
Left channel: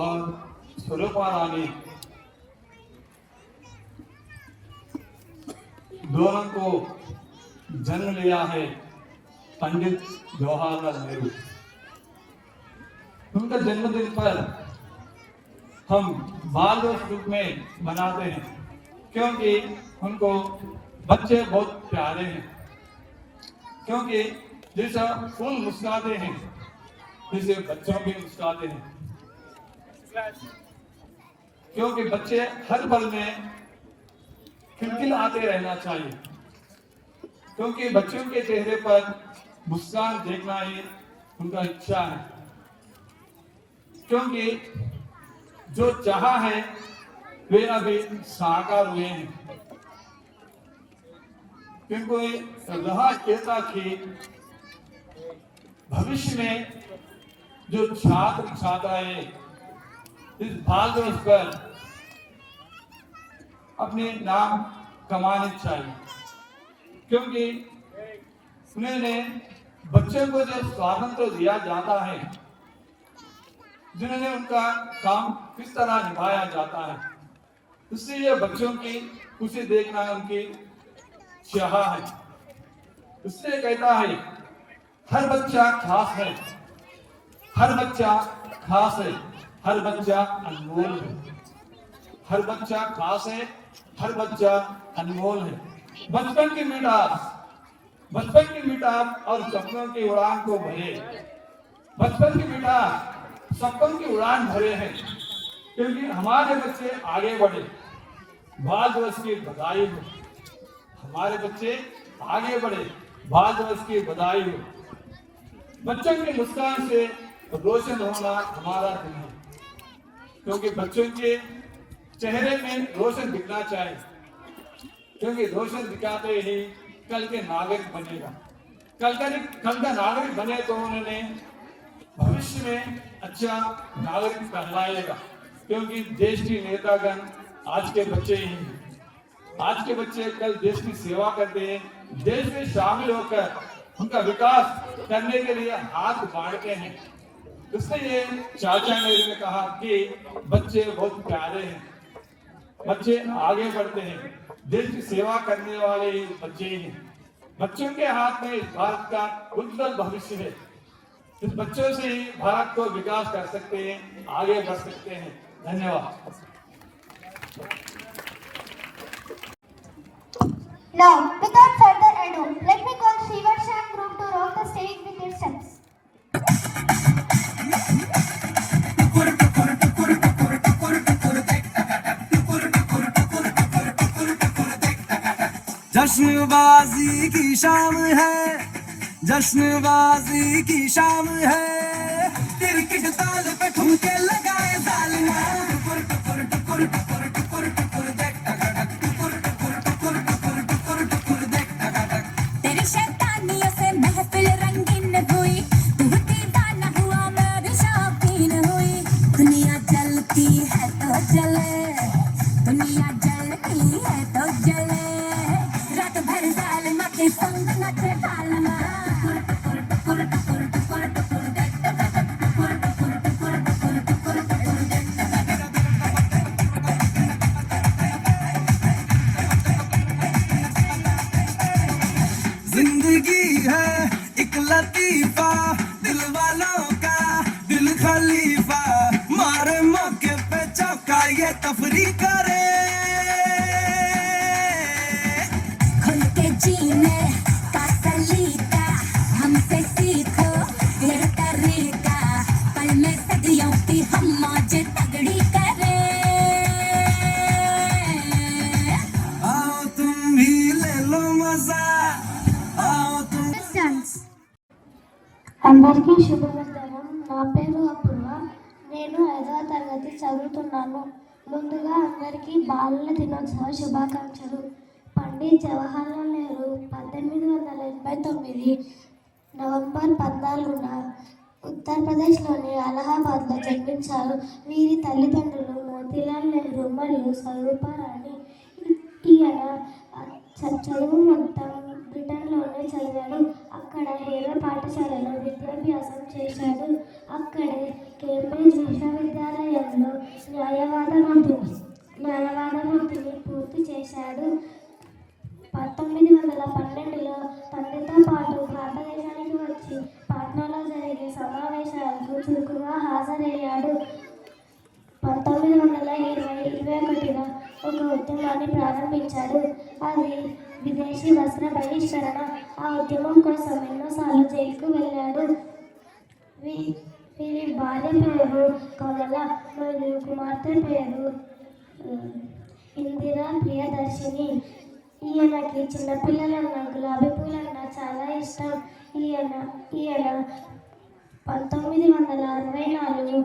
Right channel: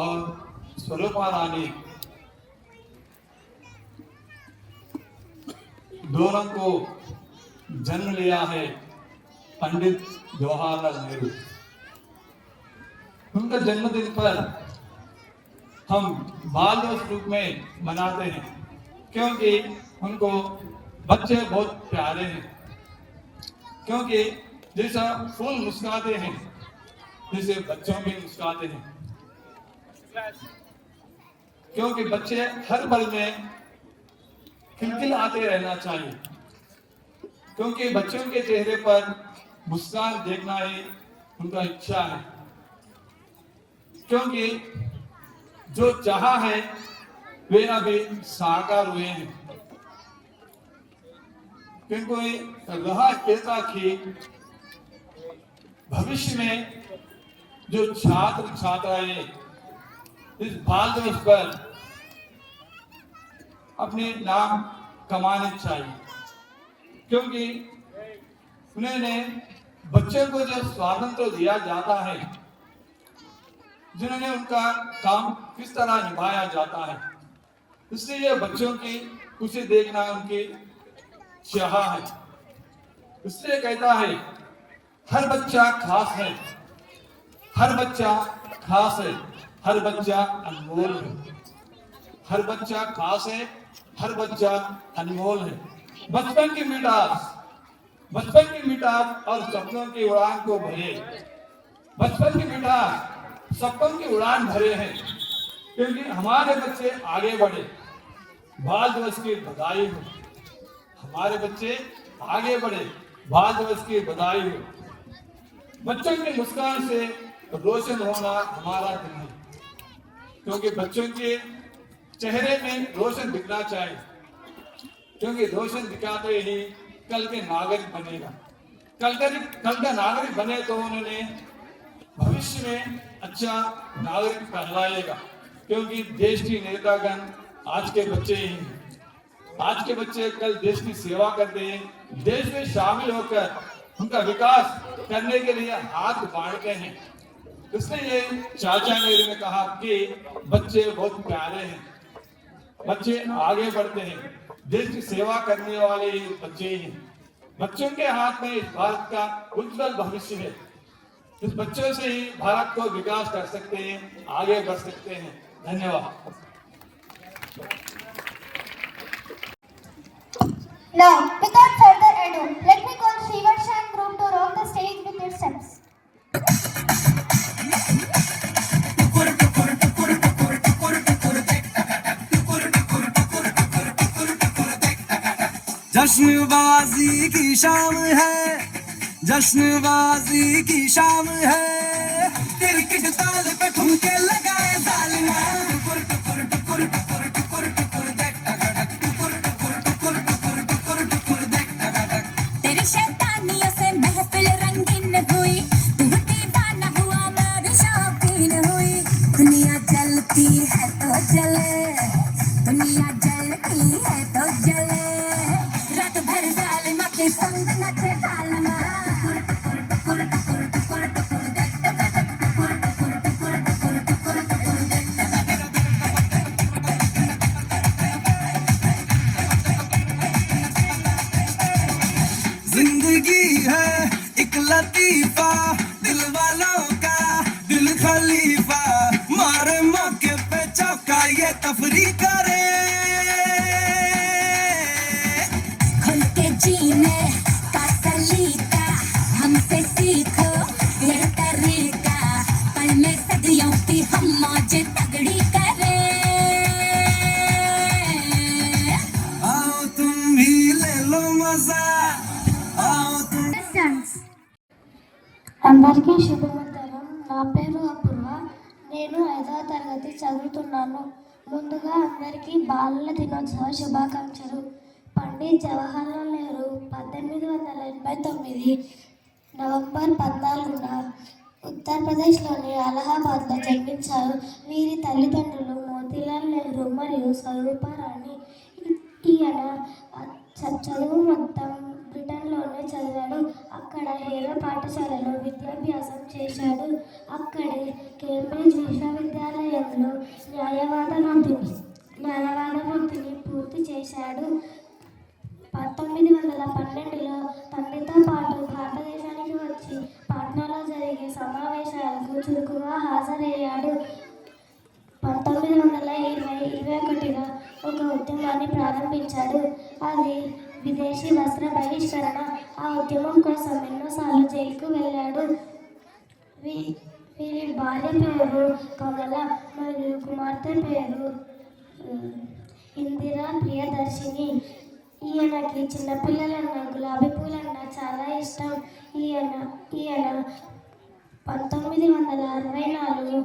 और स्वरूपा रानी दोनों को जन्म लिया है पंडित जवाहरलाल नेहरू। उनका जन्मदिन पर हम बाल दिवस रूप में मनाते हैं, क्योंकि उनको बच्चे बहुत प्यारे हैं। क्योंकि जैसा फूल मुस्कुराते हैं जैसे बच्चों भी मुस्कुराते हैं, क्योंकि बच्चे हर पल में खिलखिलाते रहना चाहिए, क्योंकि बच्चों के चेहरे पर मुस्कान देखना ही उनका इच्छा है। क्योंकि जो चाहा है वे अभी साकार हुए हैं। क्योंकि रहा ऐसा कि भविष्य में जो छात्र छात्राएं इस बाल दिवस पर अपने नाम कमाने चाहिए, क्योंकि उन्हें बच्चों को जो स्वातंत्र दिया जाता है, जिन्होंने उनका काम किस तरह निभाया जाता है, इसलिए बच्चों की खुशी देखना उनकी चाह है। इसलिए कहता है हर बच्चा खास है, हर बच्चा खास है, हर बच्चा अनमोल है, हर बच्चा खास है, हर बच्चा अनमोल है। बचपन की मिठास और सपनों की उड़ान को भरे। बचपन की मिठास सपनों की उड़ान भरे हैं, क्योंकि हमारे बच्चे आगे बढ़े। बाल दिवस की बधाई हो। हमारे बच्चे आगे बढ़े, बाल दिवस की बधाई हो। बच्चों की मुस्कान से रोशन होना हमारा दिन है, क्योंकि बच्चों के चेहरे में रोशन दिखना चाहिए, क्योंकि रोशन दिखाते ही कल के नागरिक बनेगा। कल का नागरिक बने तो उन्होंने भविष्य में अच्छा नागरिक कहलाएगा, क्योंकि देश की नेतागण आज के बच्चे ही हैं। आज के बच्चे कल देश की सेवा करते हैं, देश में शामिल होकर उनका विकास करने के लिए हाथ बांटते हैं। इसलिए चाचा मेरे ने कहा कि बच्चे बहुत प्यारे हैं, बच्चे आगे बढ़ते हैं, देश की सेवा करने वाले बच्चे ही हैं। बच्चों के हाथ में भारत का उज्जवल भविष्य है। इस बच्चों से ही भारत को विकास कर सकते हैं, आगे बढ़ सकते हैं। धन्यवाद। Now, without further ado, let me call Srivarshan group to roam the stage with their steps. जश्नबाजी की शाम है, जश्नबाजी की शाम है, क्रिकेट ताल पे ठुमके लगाए जालिमा। तेरी शैतानियों से महफिल रंगीन हुई, तू दीवाना हुआ मैं भी शौकीन हुई। दुनिया जलती है तो जले, दुनिया जलती है तो जले, रात भर जालिमा के संग नचे जालिमा। जिंदगी है एक लतीफा, दिल वालों का दिल खलीफा, मारे मौके पे चौका ये तफरी करे। खुल के जीने का सलीका हमसे सीखो ये तरीका, पल में सदियों की हम मौज तगड़ी करे। आओ तुम भी ले लो मजा, आओ तुम। అందరికీ శుభవంతనం. నా పేరు అపూర్వ. నేను 5వ తరగతి చదువుతున్నాను. ముందుగా అందరికీ బాలల దినోత్సవ శుభాకాంక్షలు. పండిత్ జవహర్లాల్ నెహ్రూ 1889 నవంబర్ 14న ఉత్తరప్రదేశ్లోని అలహాబాద్లో జన్మించారు. వీరి తల్లిదండ్రులు మోతీలాల్ నెహ్రూ మరియు స్వరూపారాణి. ఈయన చదువు మొత్తం బ్రిటన్లోనే చదివాడు. అక్కడ హేరా పాఠశాలలో విద్యాభ్యాసం చేశాడు. అక్కడే కేంబ్రిడ్జ్ విశ్వవిద్యాలయంలో న్యాయవాద వృత్తిని పూర్తి చేశాడు. 1912లో తండ్రితో పాటు భారతదేశానికి వచ్చి పాట్నాలో జరిగే సమావేశాలకు చురుకుగా హాజరయ్యాడు. 1921లో ఒక ఉద్యమాన్ని ప్రారంభించాడు. అది విదేశీ వస్త్ర బహిష్కరణ. ఆ ఉద్యమం కోసం ఎన్నోసార్లు జైలుకు వెళ్ళాడు. వీరి భార్య పేరు కమల మరియు కుమార్తె పేరు ఇందిరా ప్రియదర్శిని. ఈయనకి చిన్నపిల్లలన్నా గులాబీ పూలన్నా చాలా ఇష్టం. ఈయన 1964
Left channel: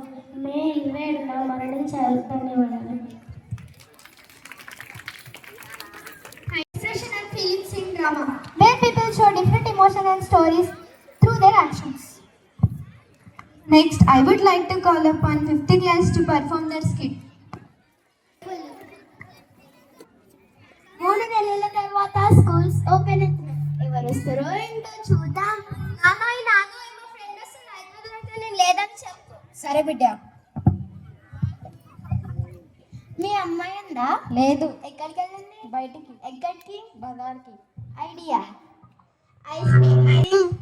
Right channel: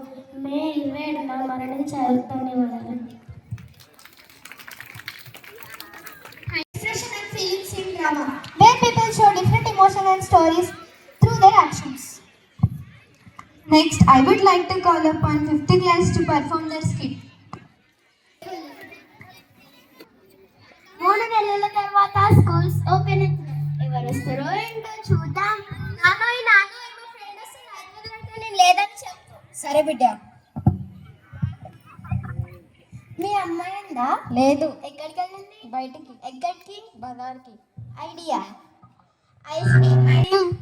మే 27న మరణించారు. ధన్యవాదాలు. Expression and feelings in drama, where people show different emotions and stories through their actions. Next, I would like to call upon 5th class to perform their skit. 3 నెలల తర్వాత స్కూల్స్ ఓపెన్ అవుతున్నాయి. ఎవరు వస్తారో ఏంటో చూద్దాం. నాన్నోయ్ మా ఫ్రెండ్ వస్తుంది, నేను లేదని చెప్పు. సరే బిడ్డ. మీ అమ్మాయి ఉందా? లేదు. ఎక్కడికి వెళ్ళింది? బయటికి. ఎక్కడికి? బజార్కి. ఐడియా. Ice cream.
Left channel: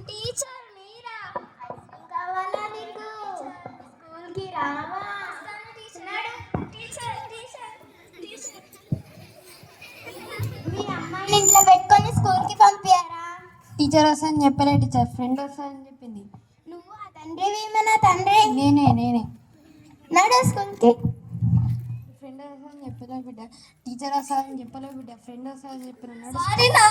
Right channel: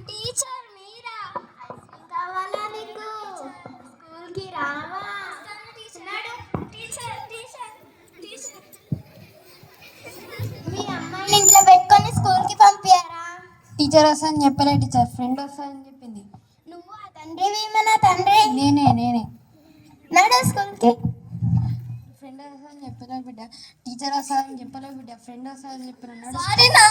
టీచర్ మీరా? ఐస్ క్రీమ్ కావాలా నీకు? స్కూల్కి రావా? టీచర్ టీచర్ టీచర్ టీచర్ వస్తుందని చెప్పలే టీచర్, ఫ్రెండ్ వస్తుందని చెప్పింది. నువ్వు ఆ తండ్రివి మన తండ్రి. నేనే నడు స్కూల్కి. ఫ్రెండ్ వస్తుందని చెప్పలే బిడ్డ, టీచర్ వస్తుందని చెప్పలే బిడ్డ, ఫ్రెండ్ వస్తుందని చెప్పలే. సారీ నా.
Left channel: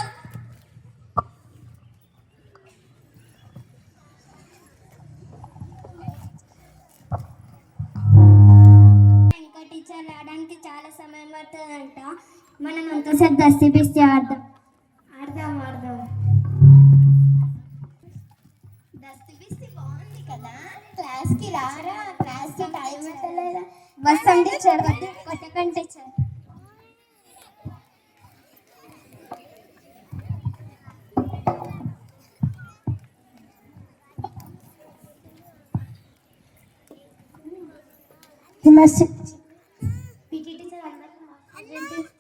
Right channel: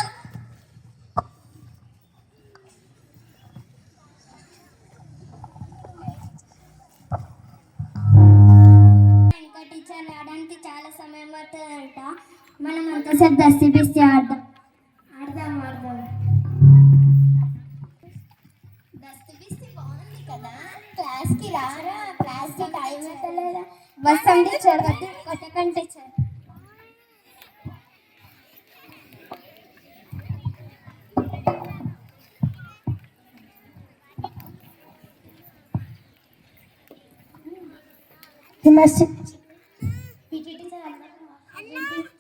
ఇంకా టీచర్ రావడానికి చాలా సమయం పడుతుందంట. మనం అంతసేపు దస్తి పిస్తి ఆడదాం. దస్తి బిస్తి బాగుంది కదా. క్లాస్కి రారా, క్లాస్కి టైం అవుతలేదా? బస్ అంటే చదవద్దు, కొట్టకండి టీచర్.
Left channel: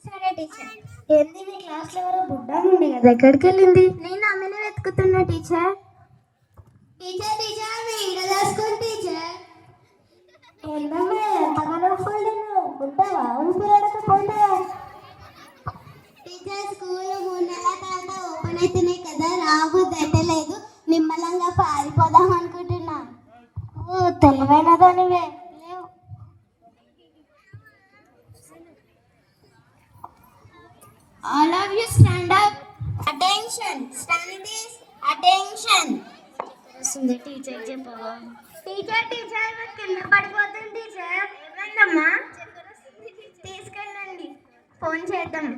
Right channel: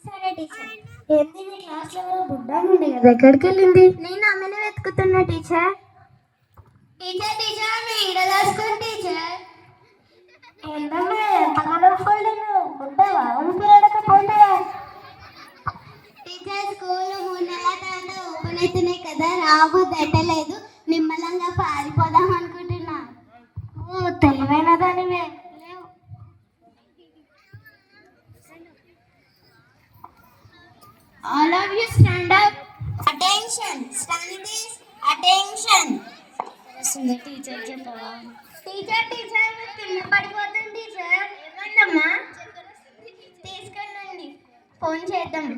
సరే టీచర్. ఏంది మీ క్లాస్లో ఎవరో బుడ్డ ఉండే కదా, ఎక్కడికి వెళ్ళింది? నేను ఆమెను వెతుకుతున్నా teacher. Teacher teacher video school teacher. ఏంటమ్మా ఎంతగానో ఫోల్డ్ ఉంటావా? ఉండిపోయకపోతే టీచర్ స్కూల్ 3 నెలల తర్వాత ఓపెన్ అవుతున్నాయి కదా, రాబోద్దు అయితలేదు. నిమ్మలంగా పారిపోదాం అనుకుంటున్నా. తెలివైన దానివే. All of you stand up. Attention. Standards. Attention. Teacher చెప్పవా? టీచర్ టీచర్ కింద పడిపోతుంది టీచర్. ఏమైందమ్మా? తీసుకెళ్ళండి, ఫోన్ చేద్దాం.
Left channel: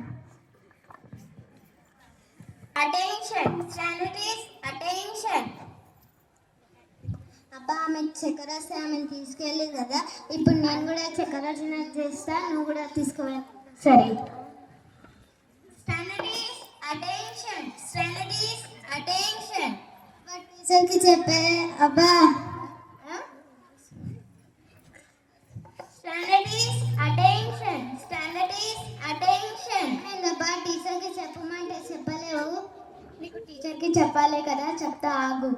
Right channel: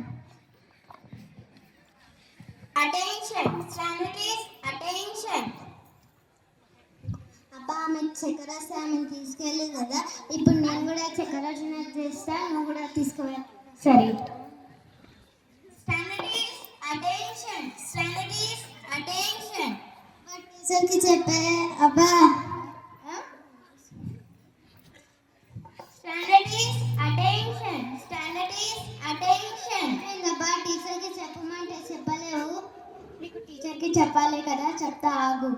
అటెన్షన్. స్టాండర్డ్స్. అటెన్షన్. అబ్బా ఆమె చక్కెర వస్తే ఆమెను తీసుకెళ్ళి కదా, ఇప్పుడు నేను కూడా చక్కెర చేస్తా, నువ్వు కూడా తీసుకోవాలి. సరే. స్టాండర్డ్స్. అటెన్షన్. స్టాండర్డ్స్. అటెన్షన్. టీచర్కి చెప్పే. అబ్బా స్టాండర్డ్స్. అటెన్షన్. స్టాండర్డ్స్. అటెన్షన్. అబ్బా టీచర్కి చెప్పమంటే చెప్పలేవు, నీకు టీచర్కి చెప్పాలి కదా, చెప్తా ఆగు.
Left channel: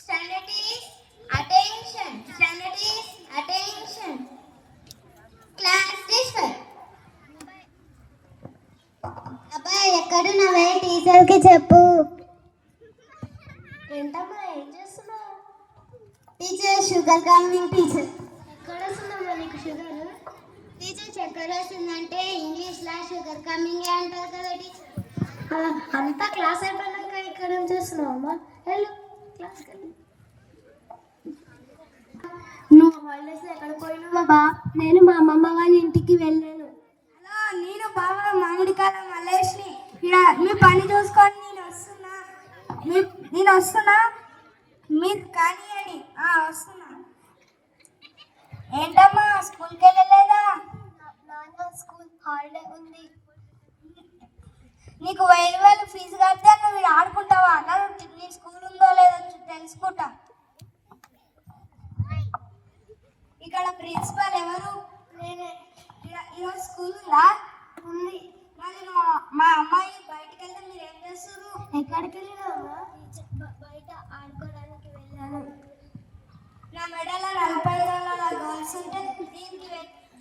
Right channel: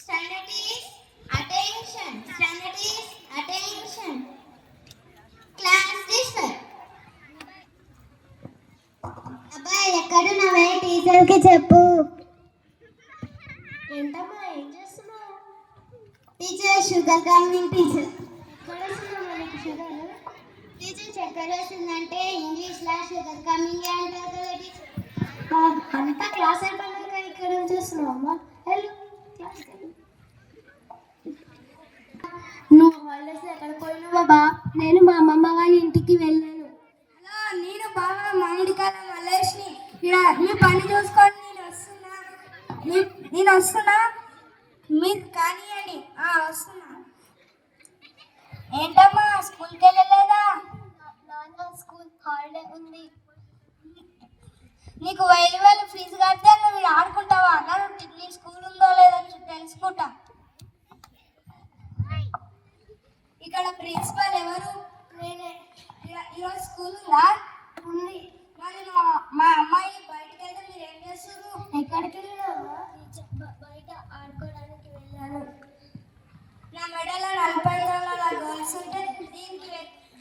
Standards. Attention. Standards. Attention. Class disturb. అబ్బాయి ఎక్కడున్నావే, టీచర్కి చెప్పు. ఏంటమ్మా ఏం చేస్తున్నావు? Teacher sugar coming teacher. ఎక్కడ వస్తున్నావు నీకు షుగర్? టీచర్ చక్కెర వస్తుందంటే ఇంగ్లీష్లో షుగర్ కమింగ్ అంటారు కదా టీచర్. అంతా క్లాస్ అయిపోయినాక ఇక్కడ ఏం చేస్తున్నావు అమ్మా? వెళ్ళు క్లాస్కి వెళ్ళు. నువ్వు హాలిడేస్ ఎక్కడికి పోయినావు బాబా? నేను మా అమ్మమ్మ వాళ్ళ ఇంటికి వెళ్ళాను. హలో, నేను బాగా మామిడికాయల మల్లేష్ని. ఇక్కడ మీ పని చూసుకొని నేను వస్తున్నా, మీరు కానివ్వండి. వస్తున్నా. ఏంటమ్మా స్కూల్కి వెళ్ళలేదా? నాన్న స్కూల్ హాలిడే ఉంది. నీకు 1000 ఫీజు కడితే నువ్వు ఇక్కడ ఆడుకుంటావా? నీ స్కూల్ ఉందో లేదో తెలుసుకుంటా. ఇక్కడ ప్రిన్సిపల్ ఎవరు? నేనే. ఈరోజు స్కూల్ ఉందా? ఉంది. మరి మా అమ్మాయి బయటకు వెళ్తే మీరు ఏం చేస్తారు? ఎక్కడికి వెళ్ళినావా? బయట ఆడుకోవడానికి వెళ్ళాను. నా మెడలో 40 గోల్స్ ఉంటే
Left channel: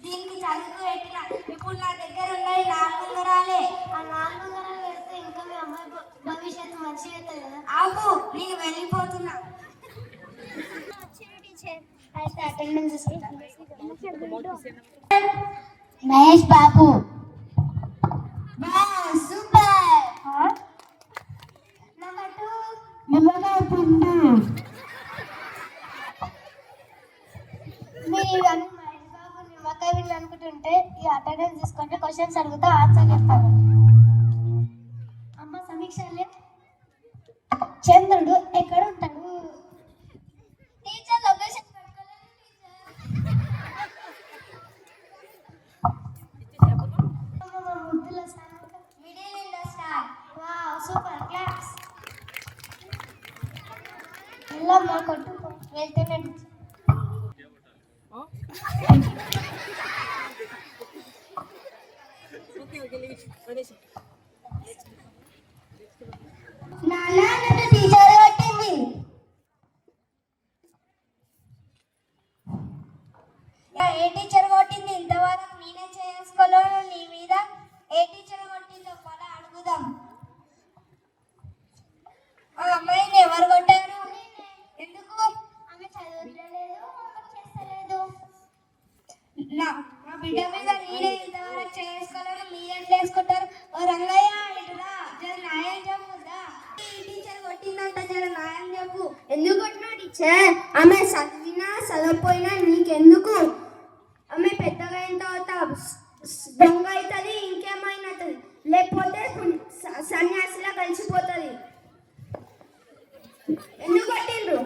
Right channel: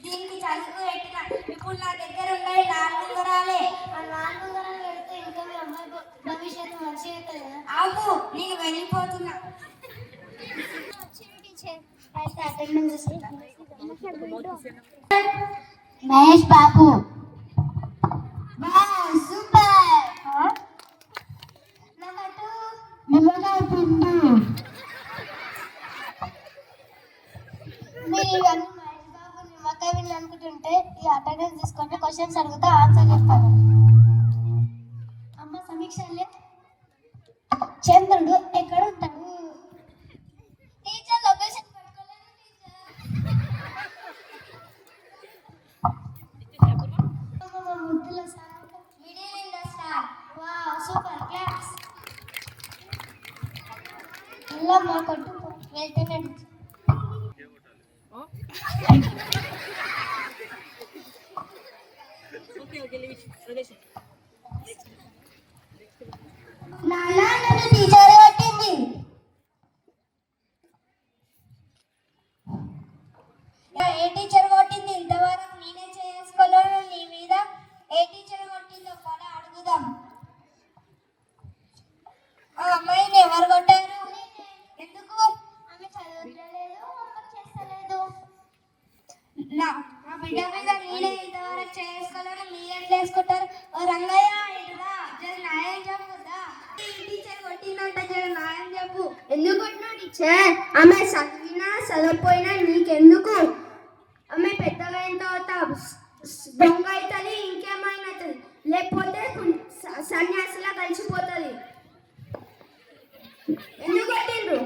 దీనికి చదువు పెట్టిన. ఇప్పుడు నా దగ్గర ఉన్నాయి 4 ఉంగరాలే. ఆ 4 ఉంగరాలు పెడితే ఇంకా మీ అమ్మాయి భవిష్యత్తు మంచిగా అవుతుంది కదా. ఆగు, నేను వెళ్ళిపోతున్నా. టీచర్ అయితే అటెండెన్స్ మహేష్ బాబు. సూపర్. నెంబర్ 2 నిమ్మకాయ పిండి. మీరు ఇవన్నీ మహేష్ బాబు నిమ్మకాయ వీళ్ళు అనుకుంటుంటే ఈ అటెండెన్స్ తీసుకుంటే క్వశ్చన్స్ అడుగుతా ఆన్సర్ చెప్తాను. అమ్మ సమీక్షలే, చంద్రుడు ఎక్కడ ఉంటాడు? టీచర్ లొకేషన్ పెట్టుకోలేదు టీచర్. ముద్దుల middle in the star. Wow super class. వెళ్ళమ్మా కొట్టుకో, వెళ్తేనే టీచర్ కొట్టింది. ఏ టీచర్ కొట్టింది? ఇంతవరకు నేనే చేసుకోలేను నీ మీద. ఏ టీచర్ కొట్టిందో పద అడుగుదాం. బిడ్డ మీద నేనే ఇంతవరకు చేసుకోవాలని మీరేం చేసుకుంటారు? ఓ రంగయ్య ఇటురా, జర న్యాయం చెప్పురా. టీచర్ కొట్టిందంట, జర న్యాయం చెప్పు. ఎందుకు కొట్టినా టీచర్? ఆమె చదివినా చదవకపోయినా నీకెందుకు? ఆమె పెద్దగా అయిన తర్వాత దొంగ అవుతుంది, ఇంకేమైనా అవుతుంది, లేకపోతే సన్యాసిలా కలిసిపోతుంది. ఎందుకు కొట్టిండ్రు?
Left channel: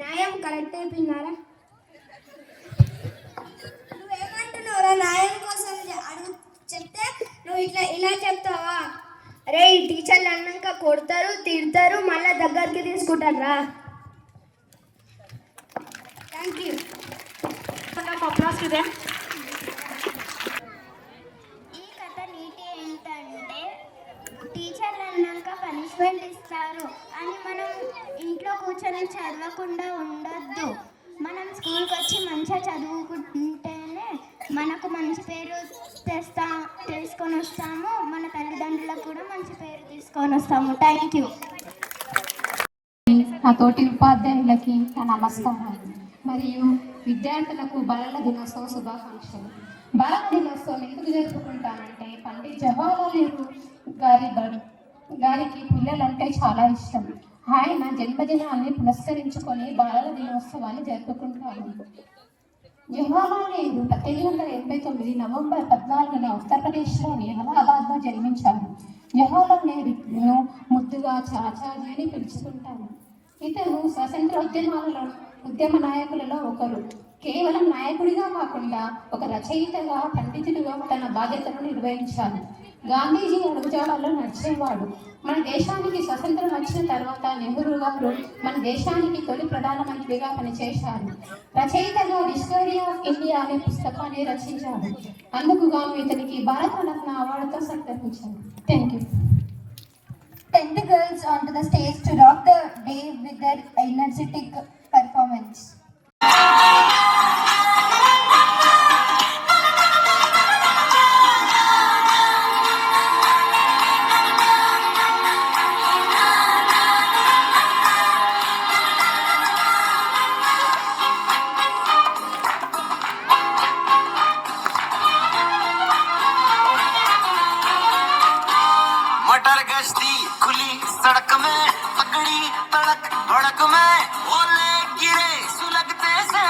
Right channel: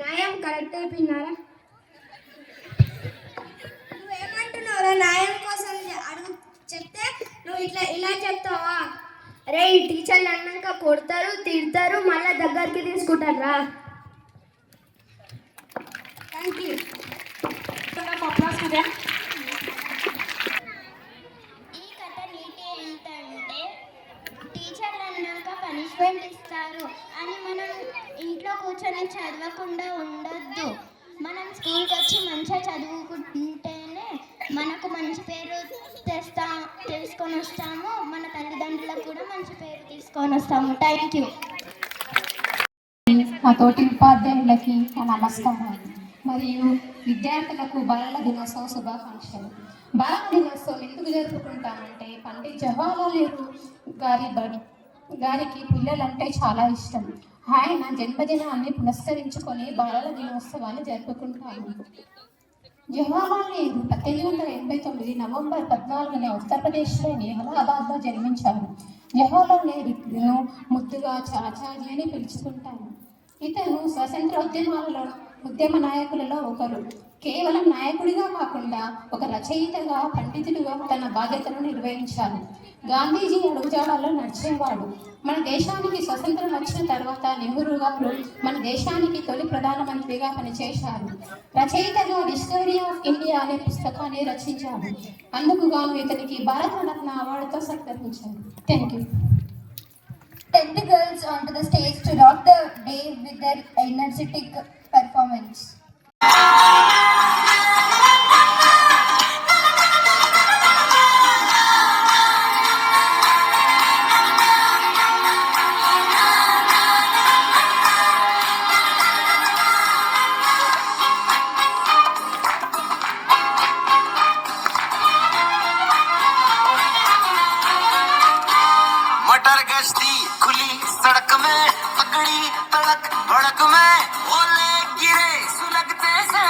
న్యాయం కరెక్ట్ అయిపోయినారా? నువ్వేమంటున్నావు? న్యాయం కోసం అడుగు చెప్తే నువ్వు ఇలా చెప్తావా? అరే ఈ టీచర్లు అన్నాక కొడతారు, తిడతారు, మళ్ళీ దగ్గరికి తీసుకుంటారా? Thank you. ఈ కథ నీతి ఏంటంటే టీచర్లు అన్నాక పనిష్మెంట్ ఇస్తారు అని మనం ఇంట్లో కూర్చొని చదవకుండా ఉండొద్దు. మనం స్కూల్కి వచ్చి మంచిగా చదువుకుంటేనే మనకు మంచి పేరు తీసుకొని వస్తాము, మన తల్లిదండ్రులకు కూడా మంచి పేరు తీసుకొని వస్తాము. Thank you. నా తోటి ఉపాధ్యాయులకి నా నమస్కారం మరియు విద్యార్థులకు బాలల దినోత్సవ శుభాకాంక్షలు. బాలల దినోత్సవం ఎందుకు జరుపుకుంటామంటే పండిత్ జవహర్లాల్ నెహ్రూ గారికి పిల్లలంటే చాలా ఇష్టం. ఆయన జన్మదినాన్ని పురస్కరించుకొని బాలల దినోత్సవాన్ని జరుపుకుంటాము. జవహర్లాల్ నెహ్రూ 1889 నవంబర్ 14న ఉత్తరప్రదేశ్లోని అలహాబాద్లో జన్మించారు. జవహర్లాల్ నెహ్రూను ముద్దుగా చాచాజీ అని పిలుచుకుంటాము. ఇతను స్వాతంత్ర ఉద్యమ నాయకులలో ఒకరు. కేవలం నాయకుడిగా కాకుండా ఒక రచయితగా, పండితుడిగా తన బాధ్యతను నిర్వహించారు. గాంధీజీ అడుగుజాడల్లో నడిచేవాడు. మన దేశానికి స్వతంత్రం వచ్చిన తర్వాత నెహ్రూ గారు మన దేశానికి తొలి ప్రధానమంత్రిగా పనిచేశారు. రచయితగా డిస్కవరీ ఆఫ్ ఇండియా అనే పుస్తకాన్ని రచించారు. అందుకు గాను ఇతనికి భారతరత్న అవార్డుతో సత్కరించారు. Thank you. 10 girls onto the stage to rock the day with their energetic performance. मटर गश्ती खुली सड़क में पकड़ी तड़क भड़क में ओले गिरे सुलगते से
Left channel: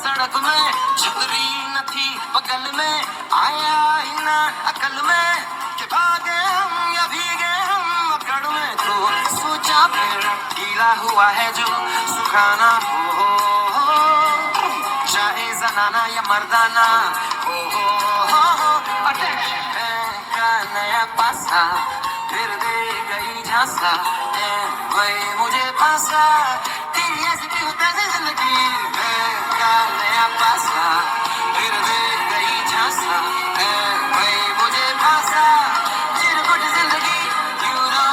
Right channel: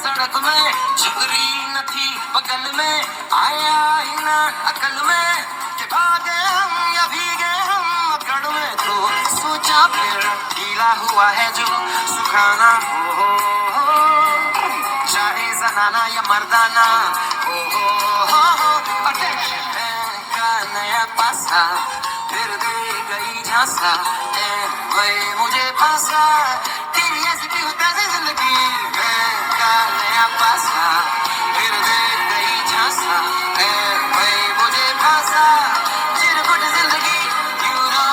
सड़क में छितरी न थी बगल में आया ही ना अकल में कि भागे हम या भीगे हम अकड़ में तो सोचा फिर ढीला हुआ है जो सुखाना हो चाहे जनाना या मर्दाना हो नया पासा फिर दे गई झांसा मुझे पासा तेरी ऐसी क्यों कैसे जिंदगी का नया पासा फिर दे गई झांसा मुझे पासा चिरकुट जिंदगी क्यों ना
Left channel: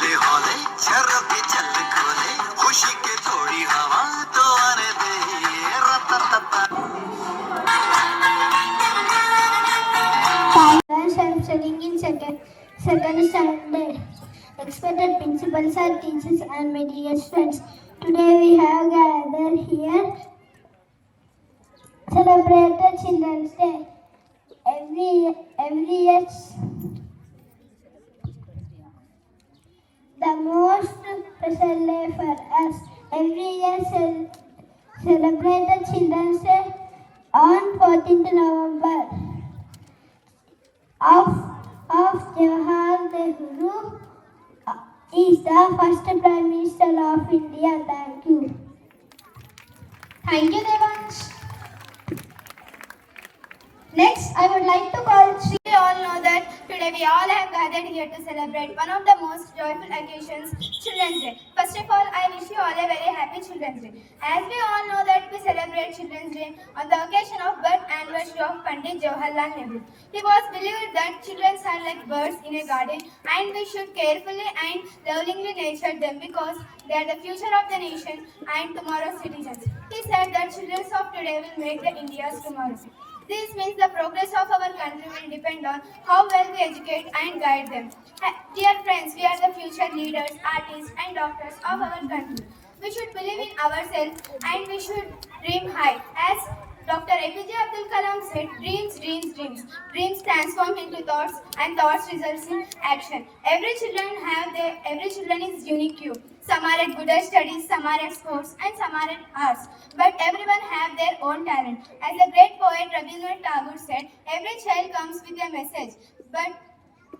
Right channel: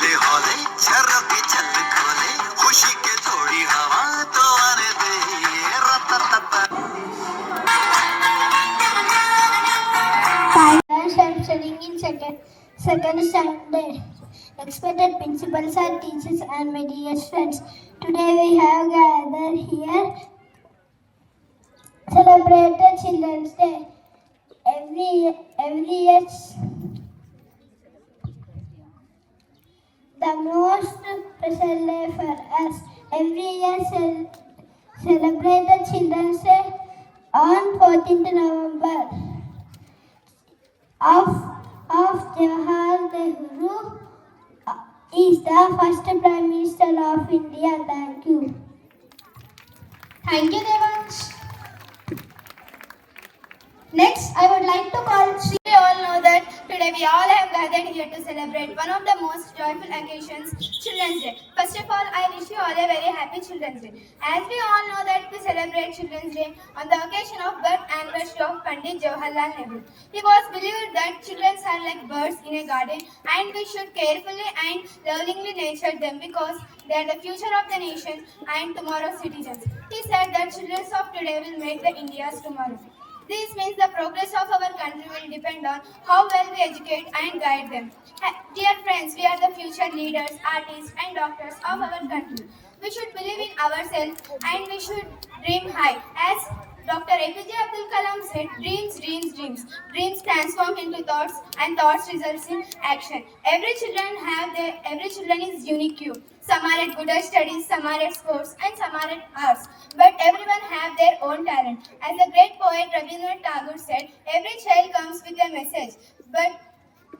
हौले हौले जरा भी छत खोले खुशी के थोड़ी हवा तो आने दे रततता Parents are studying in second standard. Expected principals are teachers and my dear friends. Today we have gathered here celebrated Children's Day. Every year the most special day for us. Every year celebrated Children's Day on 14th November. Of Jawaharlal Nehru is the first Prime Minister of India. Thank you. Thank you, Devansh. Next, I would like to call Sri. We all know that today we all have gathered here to celebrate one of the most joyful occasions, Children's Day. First of all, I wish you all a very happy Children's Day. As we all know that we celebrate Children's Day on the occasion of birth anniversary of Pandit Jawaharlal Nehru. He was believed that children are like birds in a garden and we should carefully and lovingly nurture them because they are the future of the nation and tomorrow's citizens. He said that children of today will make the India's tomorrow. This means the progress of our country will depend on how well we educate and guide them. Dear friends, we are the future leaders, artists and doctors of our country. We should believe in ourselves and we should dream high. As Dr. APJ Abdul Kalam said, dreams, dreams, dreams. Dreams transform into thoughts and thoughts results in action. Every children is unique. Some are at good at studies, some are at sports and some are at arts. But everyone have their own talent. As the great poet Rabindranath Tagore said, every child comes with a message. But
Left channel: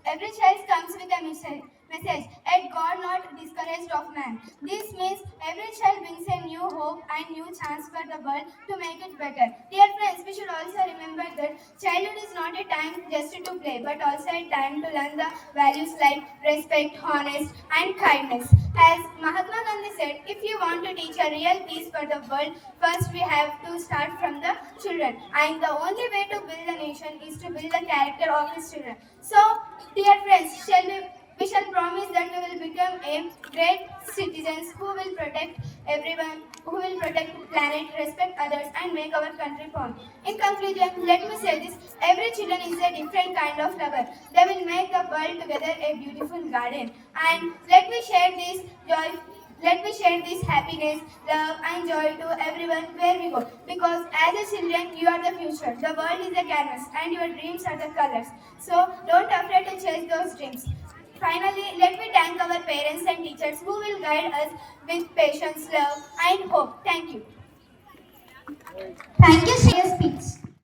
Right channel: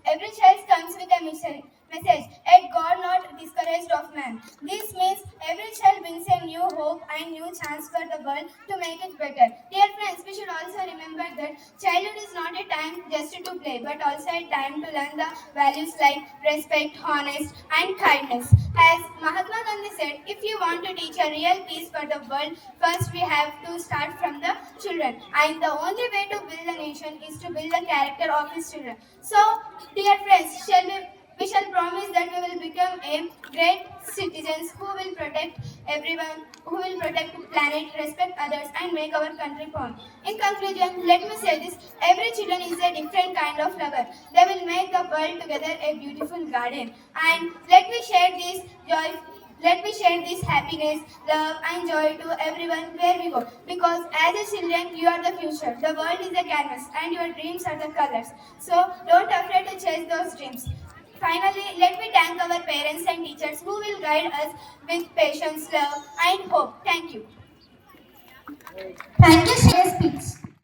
every child comes with a message, yet God not discouraged of man. This means every child brings a new hope and new chance for the world to make it better. Dear friends, we should also remember that childhood is not a time just to play, but also a time to learn the values like respect, honesty, and kindness. As Mahatma Gandhi said, if you want to teach a real peace for the world, first we have to start from the children. And the only way to build a nation is to build the character of its children. So, dear friends, we shall promise that we will become a great citizens who will protect everyone, who will protect the planet, respect others and make our country proud. In conclusion, let me say this, every children is a different kind of lover. They will make the world together a beautiful garden. And let me share this joy, let me share this happiness, love and joy to everyone where we go. Because as a children, you are the future. The world is a canvas and your dreams are the colors. So don't afraid to chase those dreams. Finally, let me thank our parents and teachers who will guide us with patience, love and hope. Thank you. Thank you, Shreya Speaks.